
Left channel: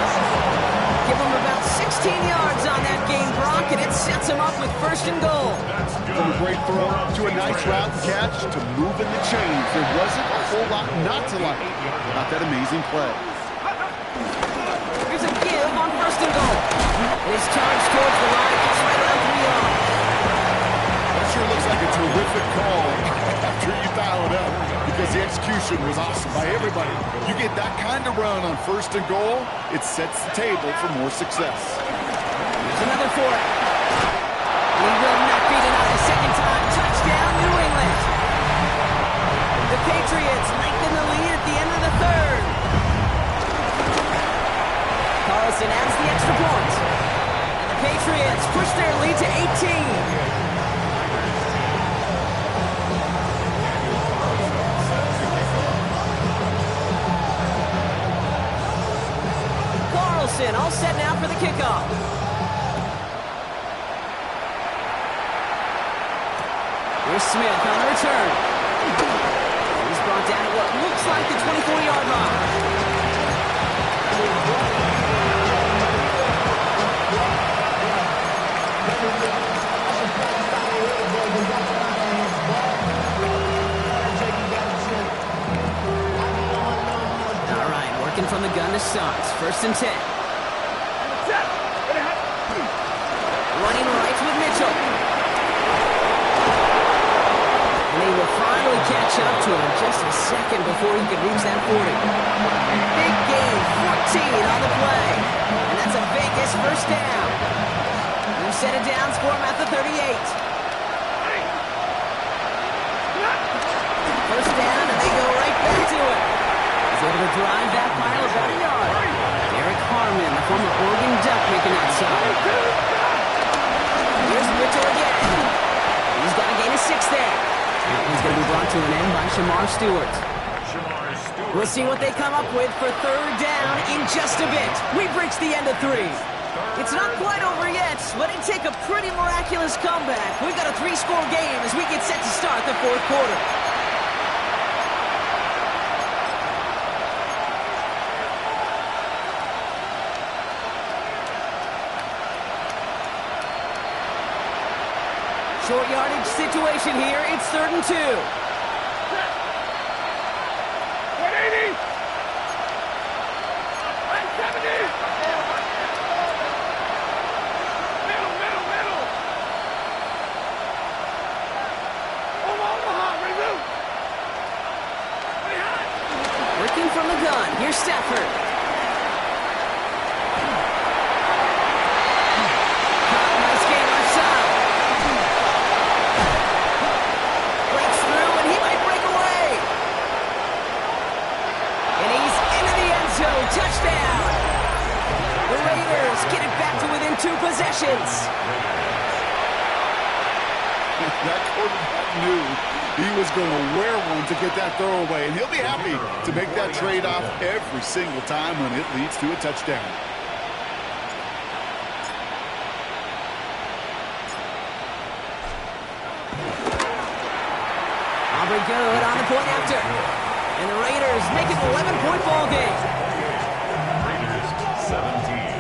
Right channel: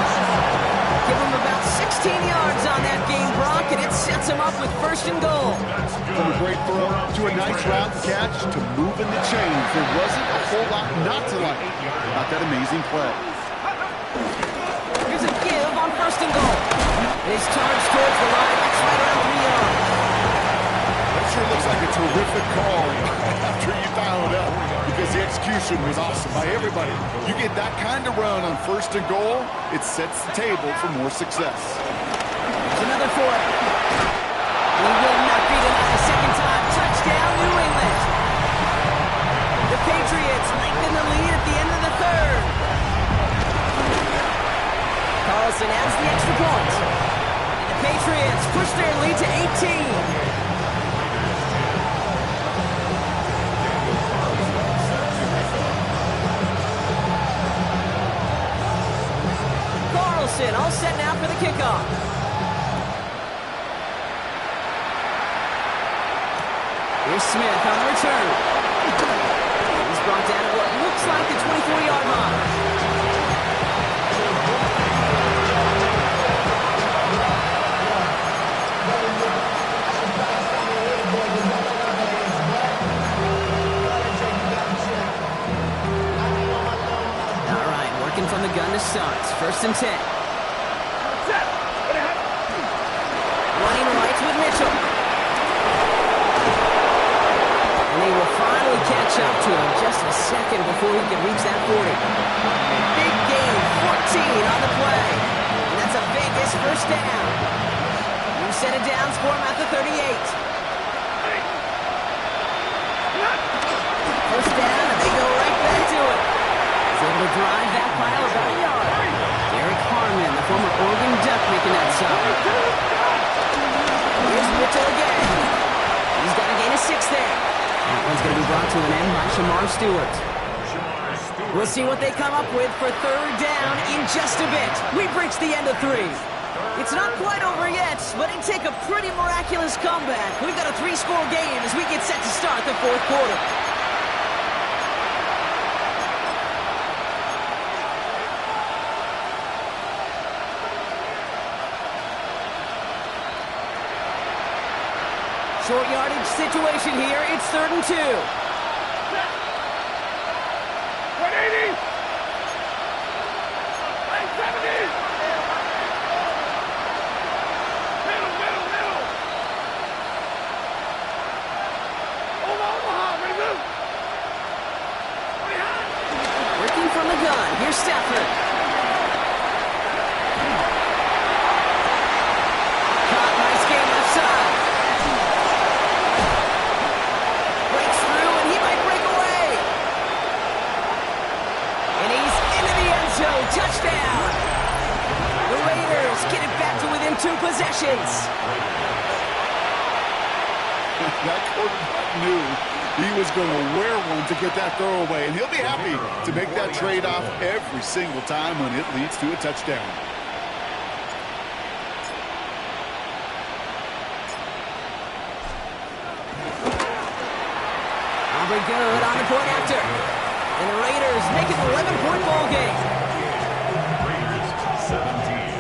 Give him about 16 yards on that game, Brock, and it sets him up with 1st and goal. From a great throw to a nice route and catch to moving the chains, there wasn't a whole lot not to like about that amazing play. Here's a give on 1st and goal. And he's charged towards the line. It's right around 3 yards. That sure looks like a terrific call after you dial it up because the execution was awesome by everybody. You get that kind of run on 1st and goal, it sets the table for more success. Here's another for it. He will not be denied a second time. Touchdown, New England. The Patriots lengthen the lead at the end of the 3rd. Carlson adds the extra point. And the Patriots push their lead to 18. Carlson all set now for the kickoff. Here's Smith on the return. He's brought down at what looks like the 24-yard line. All right, working from the gun to start. 1st and 10. Running right with Mitchell. And they will finally catch up to him just a second before he could reach that 40. Big gain, 14 on the play. And that's a Vegas first down. New set of downs for him at the 38. First down, and they go right back to it. He's able to drive that pile about a yard. Derek Harmon, the former Oregon Duck, making that stop. Here's Mitchell again. He's got a gain of 6 there. That one's going to be brought to an end by Shamar Stewart. We'll see what they come up with for 3rd down in just a bit. We've reached the end of 3. It's not quite over yet, but it take a pretty miraculous comeback. We've got a 3-score game as we get set to start the 4th quarter. Short yardage situation here. It's 3rd and 2. 180. Line 70. Middle. Omaha, ready, move. Ready, hot. Working from the gun. Here's Stafford. Caught, nice game left side. Breaks through, and he might break away. And he's into the end zone. Touchdown. The Raiders get it back to within 2 possessions. That quarterback knew he was going to wear one to get that throwaway, and he'll be happy to make that trade-off every single time when it leads to a touchdown. Aubrey good on the point after. And the Raiders make it an 11-point ball game. Raiders 17.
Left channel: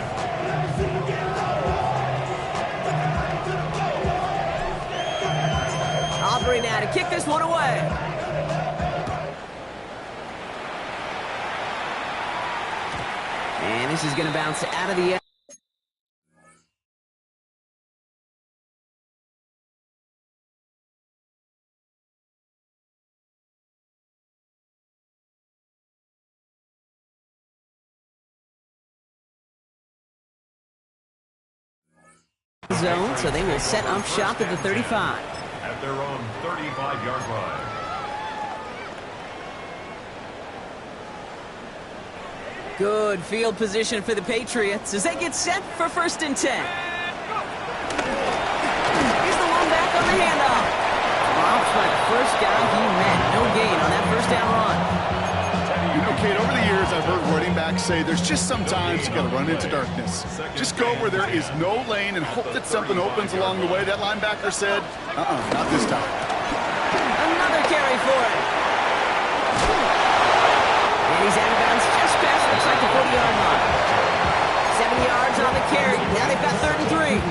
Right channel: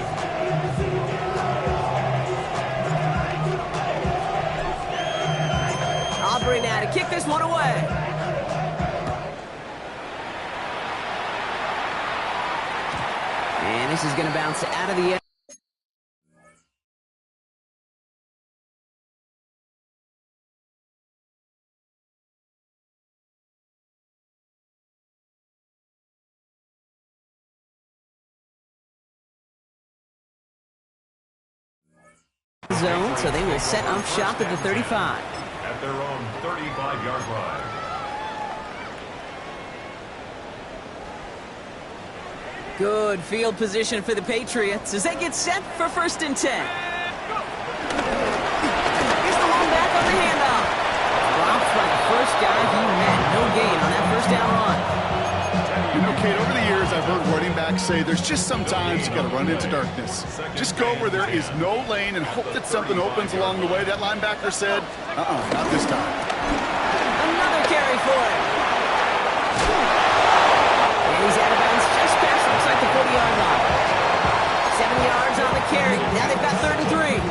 Aubrey now to kick this one away. And this is going to bounce out of the end. zone, so they will set up shop at the 35. At their own 35-yard line. Good field position for the Patriots as they get set for 1st and 10. Here's the one back on the handoff. Dropped by the first guy he met. No gain on that 1st down run. You know, Kate, over the years, I've heard running backs say there's just sometimes you got to run into darkness. Just go where there is no lane and hope that something opens along the way. That linebacker said, not this time. Another carry for him. And he's out of bounds just past, looks like the 40-yard line. 7 yards on the carry. Now they've got 3rd and 3.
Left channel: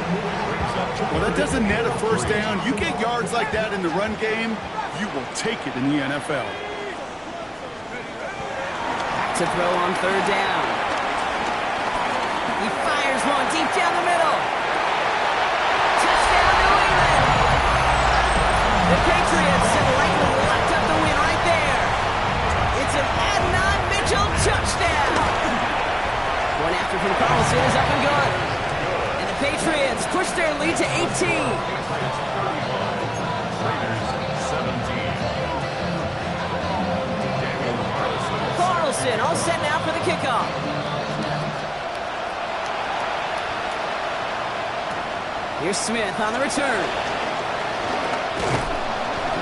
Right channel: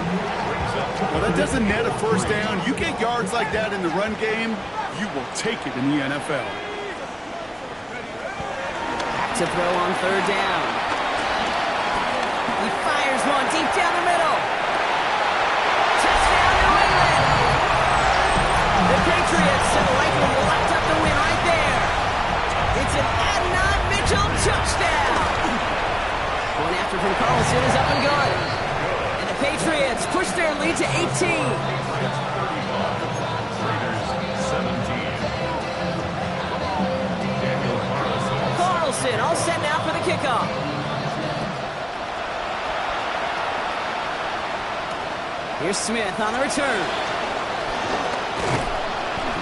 Well, that doesn't net a 1st down. You get yards like that in the run game, you will take it in the NFL. To throw on 3rd down. He fires one deep down the middle. Touchdown, New England. The Patriots have likely locked up the win right there. It's an Adonai Mitchell touchdown. One after from Carlson is up and good. And the Patriots push their lead to 18. Raiders 17. Carlson all set now for the kickoff. Here's Smith on the return.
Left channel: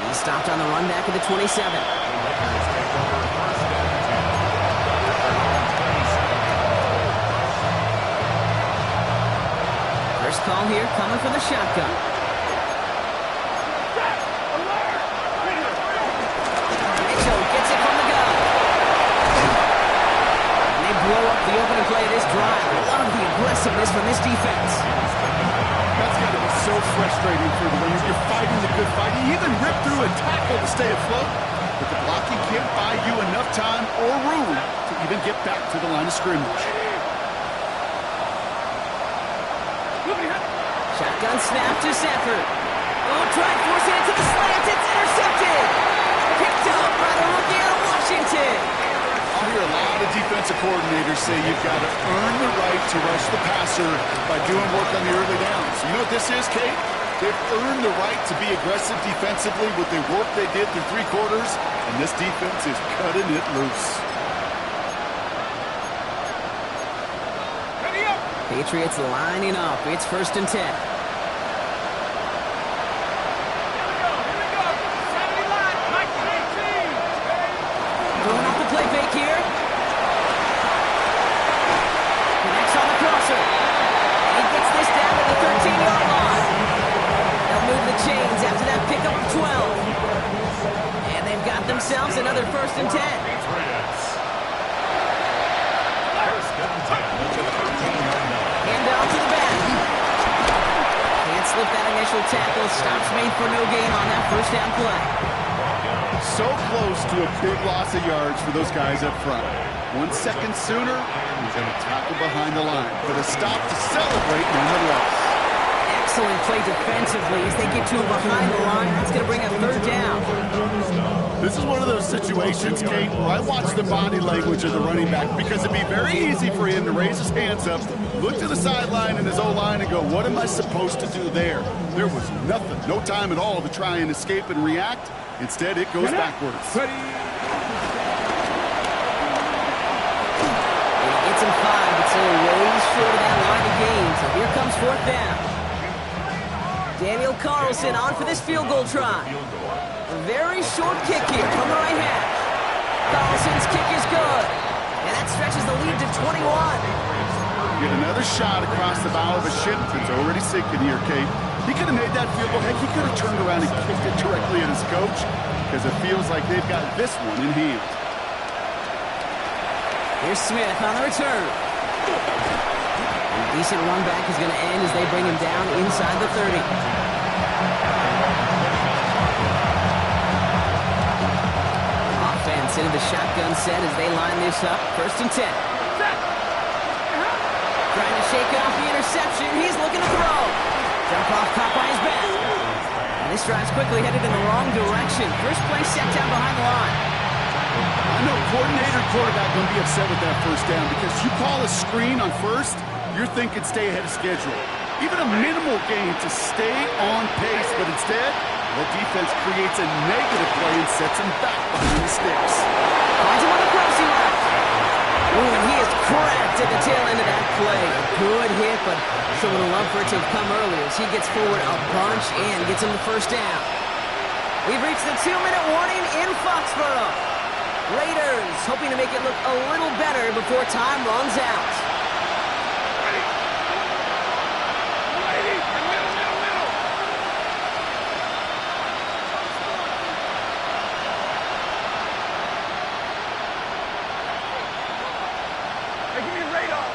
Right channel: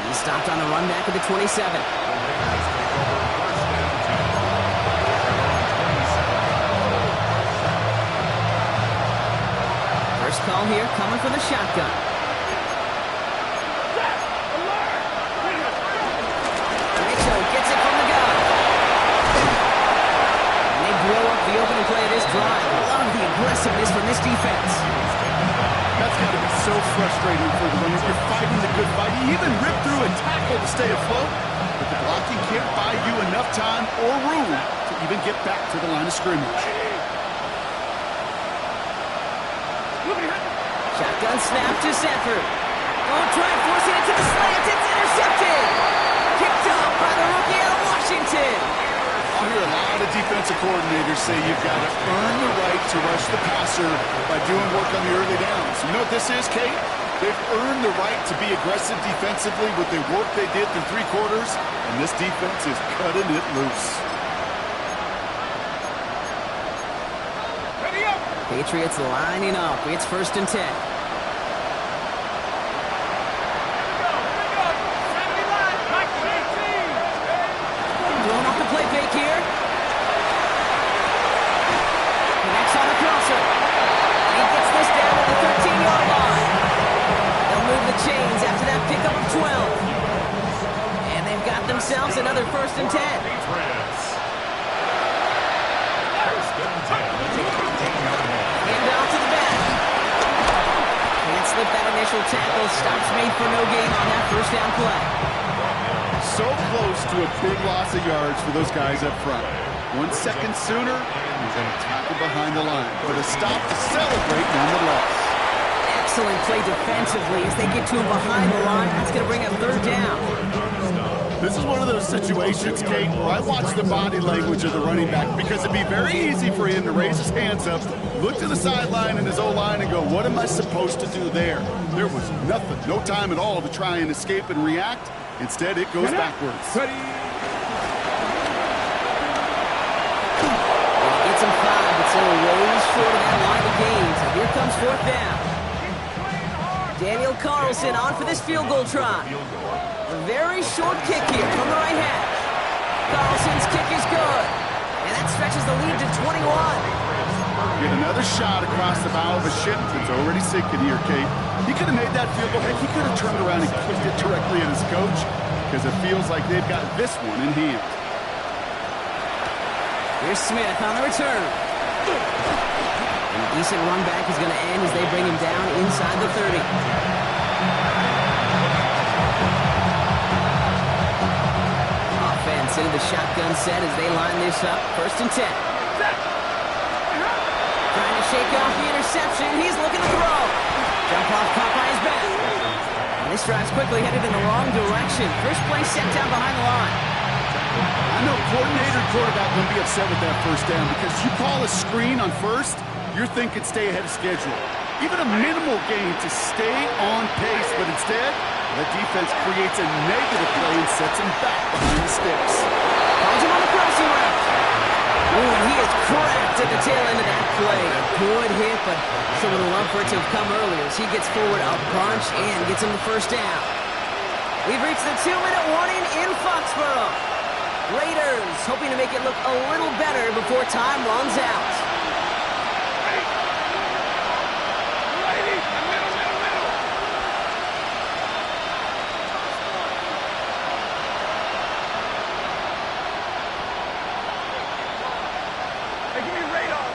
He stopped on the run back at the 27. The Raiders take over 1st and 10. First call here coming from the shotgun. Mitchell gets it from the gun. Blow up the opening play of this drive. Love the aggressiveness from this defense. That's got to be so frustrating for the runners. You're fighting the good fight. You even rip through a tackle to stay afloat, but the blocking can't buy you enough time or room to even get back to the line of scrimmage. Shotgun snap to Sanford. Don't try forcing it to the slant. It's intercepted. Picked up by the rookie out of Washington. I hear a lot of defensive coordinators say you've got to earn the right to rush the passer by doing work on the early downs. You know what this is, Kate? They've earned the right to be aggressive defensively with the work they did through 3 quarters, and this defense is cutting it loose. Ready up. Patriots lining up. It's 1st and 10. Here we go. 70 line, like 18. Throwing off the play fake here. Connects on the crosser. And he gets this down to the 13-yard line. They'll move the chains after that pickup of 12. And they've got themselves another 1st and 10. Patriots. 1st and 10 at the 13-yard line. Hand out to the back. Can't slip that initial tackle. Stops made for no gain on that 1st down play. So close to a big loss of yards for those guys up front. 1 second sooner, he's going to tackle behind the line. But a stop to celebrate nonetheless. Excellent play defensively as they get to him behind the line. That's going to bring up 3rd down. This is one of those situations, Kate, where I watch the body language of the running back because it'd be very easy for him to raise his hands up, look to the sideline in his O-line and go, what am I supposed to do there? There was nothing, no time at all to try and escape and react. Instead, it goes backwards. Ready. And he gets him 5, but still ways short of that line of gain. So here comes 4th down. Daniel Carlson on for this field goal try. A very short kick here from the right hash. Carlson's kick is good. And that stretches the lead to 21. Get another shot across the bow of a ship that's already sinking here, Kate. He could have made that field goal. Heck, he could have turned around and kicked it directly at his coach because it feels like they've got this one in hand. Here's Smith on the return. And a decent run back is going to end as they bring him down inside the 30. Offense into the shotgun set as they line this up. 1st and 10. Trying to shake off the interception. He's looking to throw. Jump off caught by his back. And this drive's quickly headed in the wrong direction. First play set down behind the line. I know coordinator and quarterback going to be upset with that 1st down because you call a screen on 1st, you're thinking stay ahead of schedule. even a minimal gain to stay on pace, but instead, the defense creates a negative play and sets him back behind the sticks. Finds him on the crossing route. Oh, and he is cracked at the tail end of that play. A good hit, but someone would love for it to have come earlier as he gets forward a bunch and gets him the first down. We've reached the 2-minute warning in Foxborough. Raiders hoping to make it look a little better before time runs out. Ready. Ready. Middle. Hey, give me a radar.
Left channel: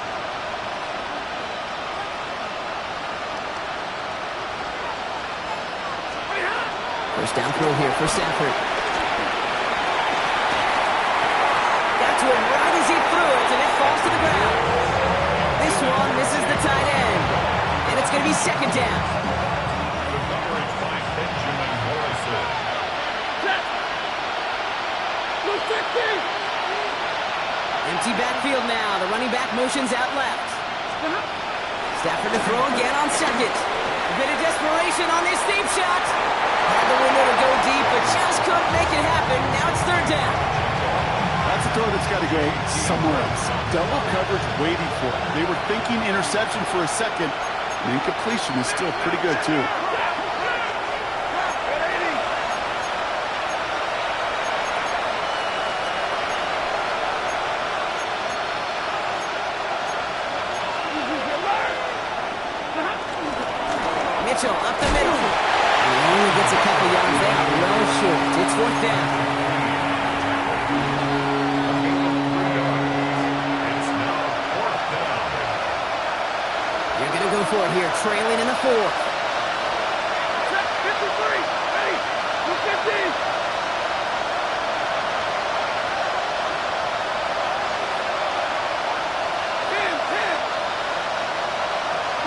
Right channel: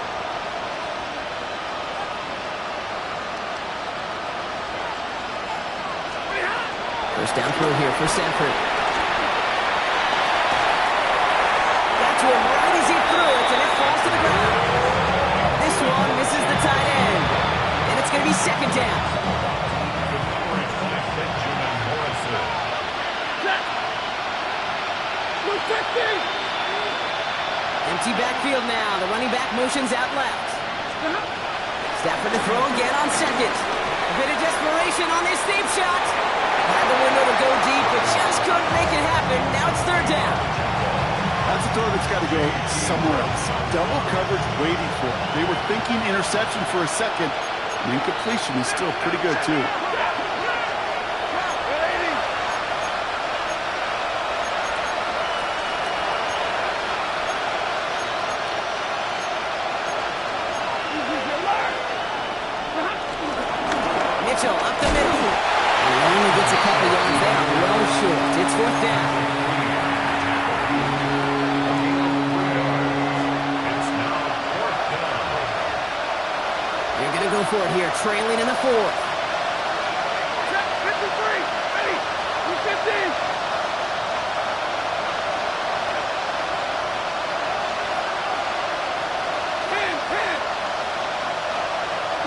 First down throw here for Stafford. Got to him right as he threw it, and it falls to the ground. This one misses the tight end, and it's going to be second down. The coverage by Benjamin Morrison. Set. Blue 50. Empty backfield now. The running back motions out left. Stafford to throw again on second. A bit of desperation on this deep shot. Had the window to go deep, but just couldn't make it happen. Now it's third down. That's a throw that's got to go somewhere else. Double coverage waiting for it. They were thinking interception for a second, and incompletion is still pretty good, too. Mitchell up the middle. He only gets a couple yards there. Well short. It's fourth down. It's now fourth down. You're going to go for it here, trailing in the fourth. Set. 53. Ready. Blue 50.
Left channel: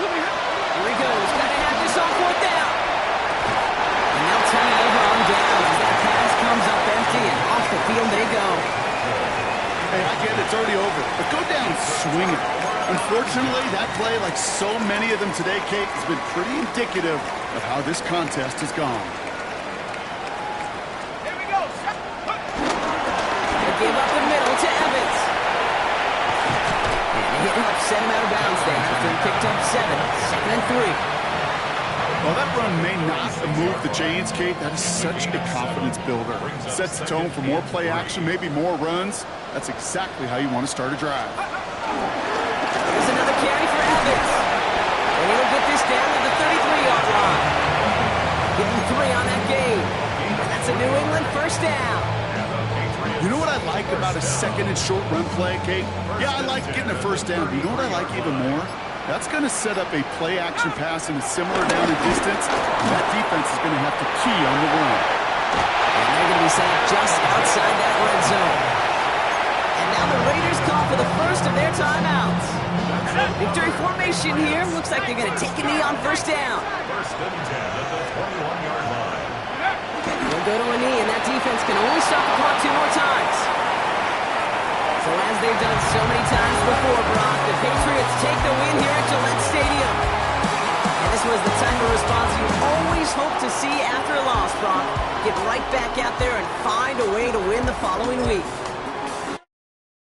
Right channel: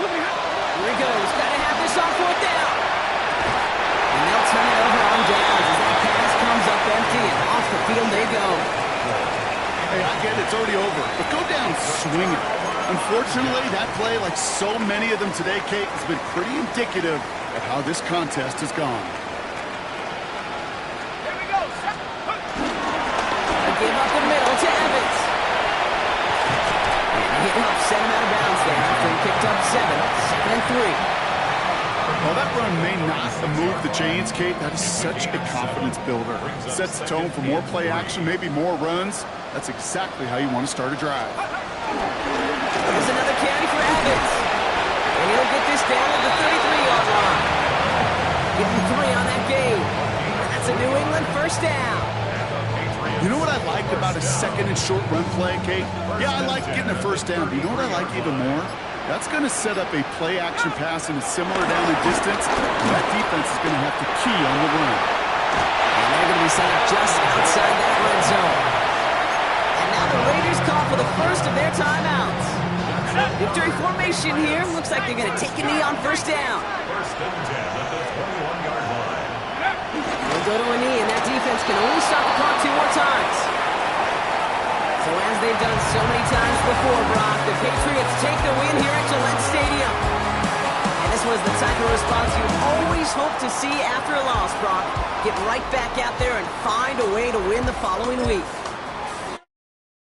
Here he goes. Got to have this on fourth down. And they'll turn it over on downs as that pass comes up empty, and off the field they go. Hey, I get it. It's already over. But go down swinging. Unfortunately, that play, like so many of them today, Kate, has been pretty indicative of how this contest has gone. Here we go. Set. A give up the middle to Evans. And a hit helps set him out of bounds there after he picked up 7. Second and 3. While that run may not move the chains, Kate, that is such a confidence builder. Sets the tone for more play action, maybe more runs. That's exactly how you want to start a drive. Here's another carry for Evans. And he'll get this down to the 33-yard line. Give him 3 on that game. And that's a New England first down. You know what I like about a second and short run play, Kate? Yeah, I like getting a first down, but you know what I like even more? That's going to set up a play-action pass in a similar down and distance, and that defense is going to have to key on the run. And they're going to be set up just outside that red zone. And now the Raiders call for the first of their timeouts. Victory formation here. Looks like they're going to take a knee on first down. First and 10 at the 21-yard line. They'll go to a knee, and that defense can only stop the clock 2 more times. So as they've done so many times before, Brock, the Patriots take the win here at Gillette Stadium. And this was the type of response you always hope to see after a loss, Brock. Get right back out there and find a way to win the following week.